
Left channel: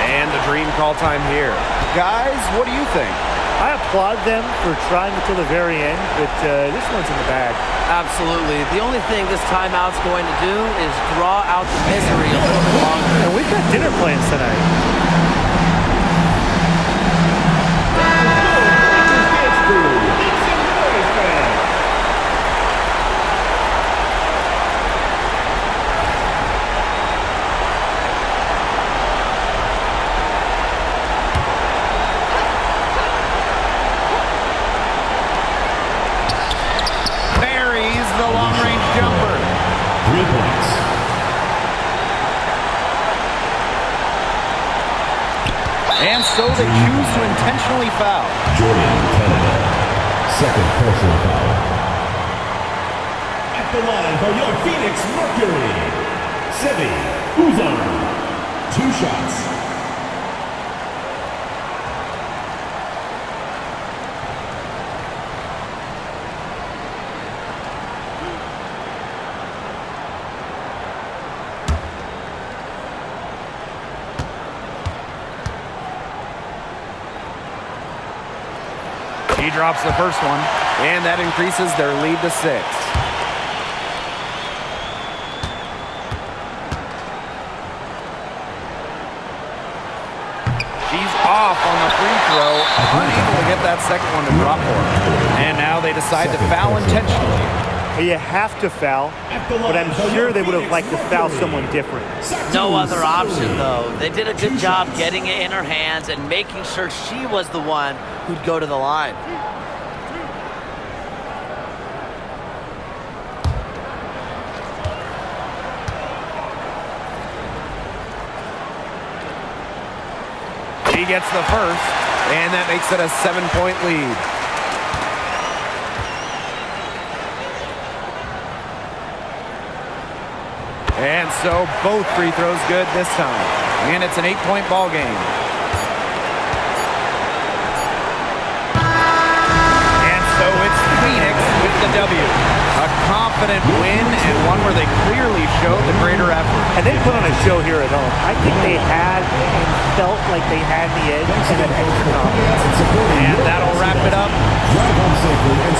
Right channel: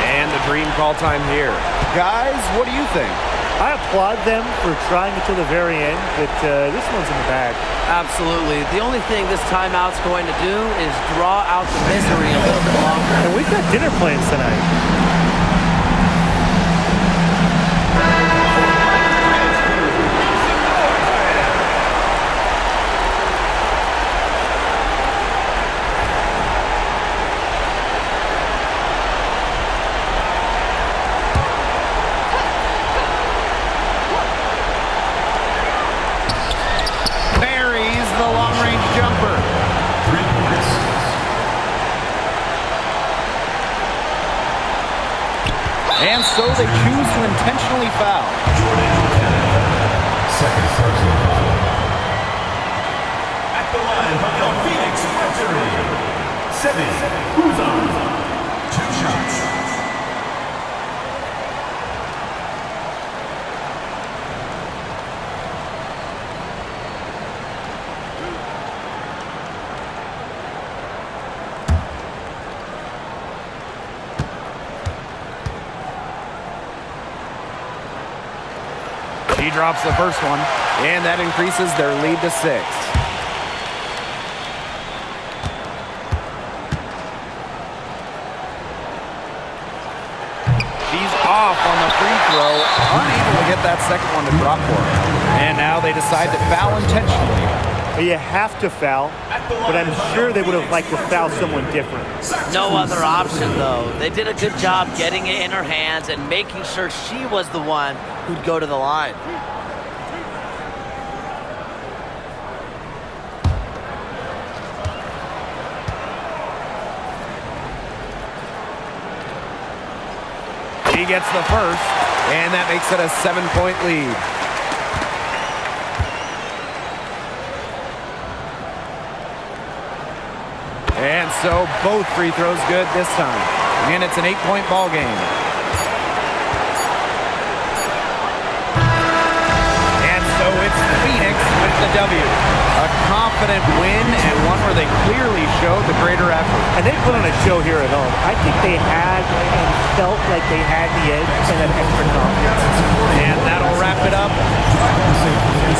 And a dream call time here. Guys, what do you think? I applaud them for trying until the very end, but this one's in the bag. Absolutely. The only thing this timeout's going to do is draw out the misery a little bit longer. And we've got dinner plans tonight. The long-range jumper. 3 points. And so they choose to intentionally foul. Jordan Kennedy. Second personal foul. At the line for your Phoenix Mercury, Sevi Uzan. 2 shots. She drops the first one, and that increases their lead to 6. She's off on the free throw, unable to get that second one to drop for her. And now they decide to foul intentionally. You have to foul, but I'm sure they would have liked to foul someone different. No other option, though. They did a good job getting it in her hands and making sure she was the one who'd go to the line. She gets the first, and that makes it a 7-point lead. And so both free throws good this time. And it's an 8-point ball game. And so it's Phoenix with the W. A confident win and one where they clearly showed the greater effort. And they put on a show here at home. I think they had and felt like they had the edge and that extra confidence. And that'll wrap it up. Drive home safely and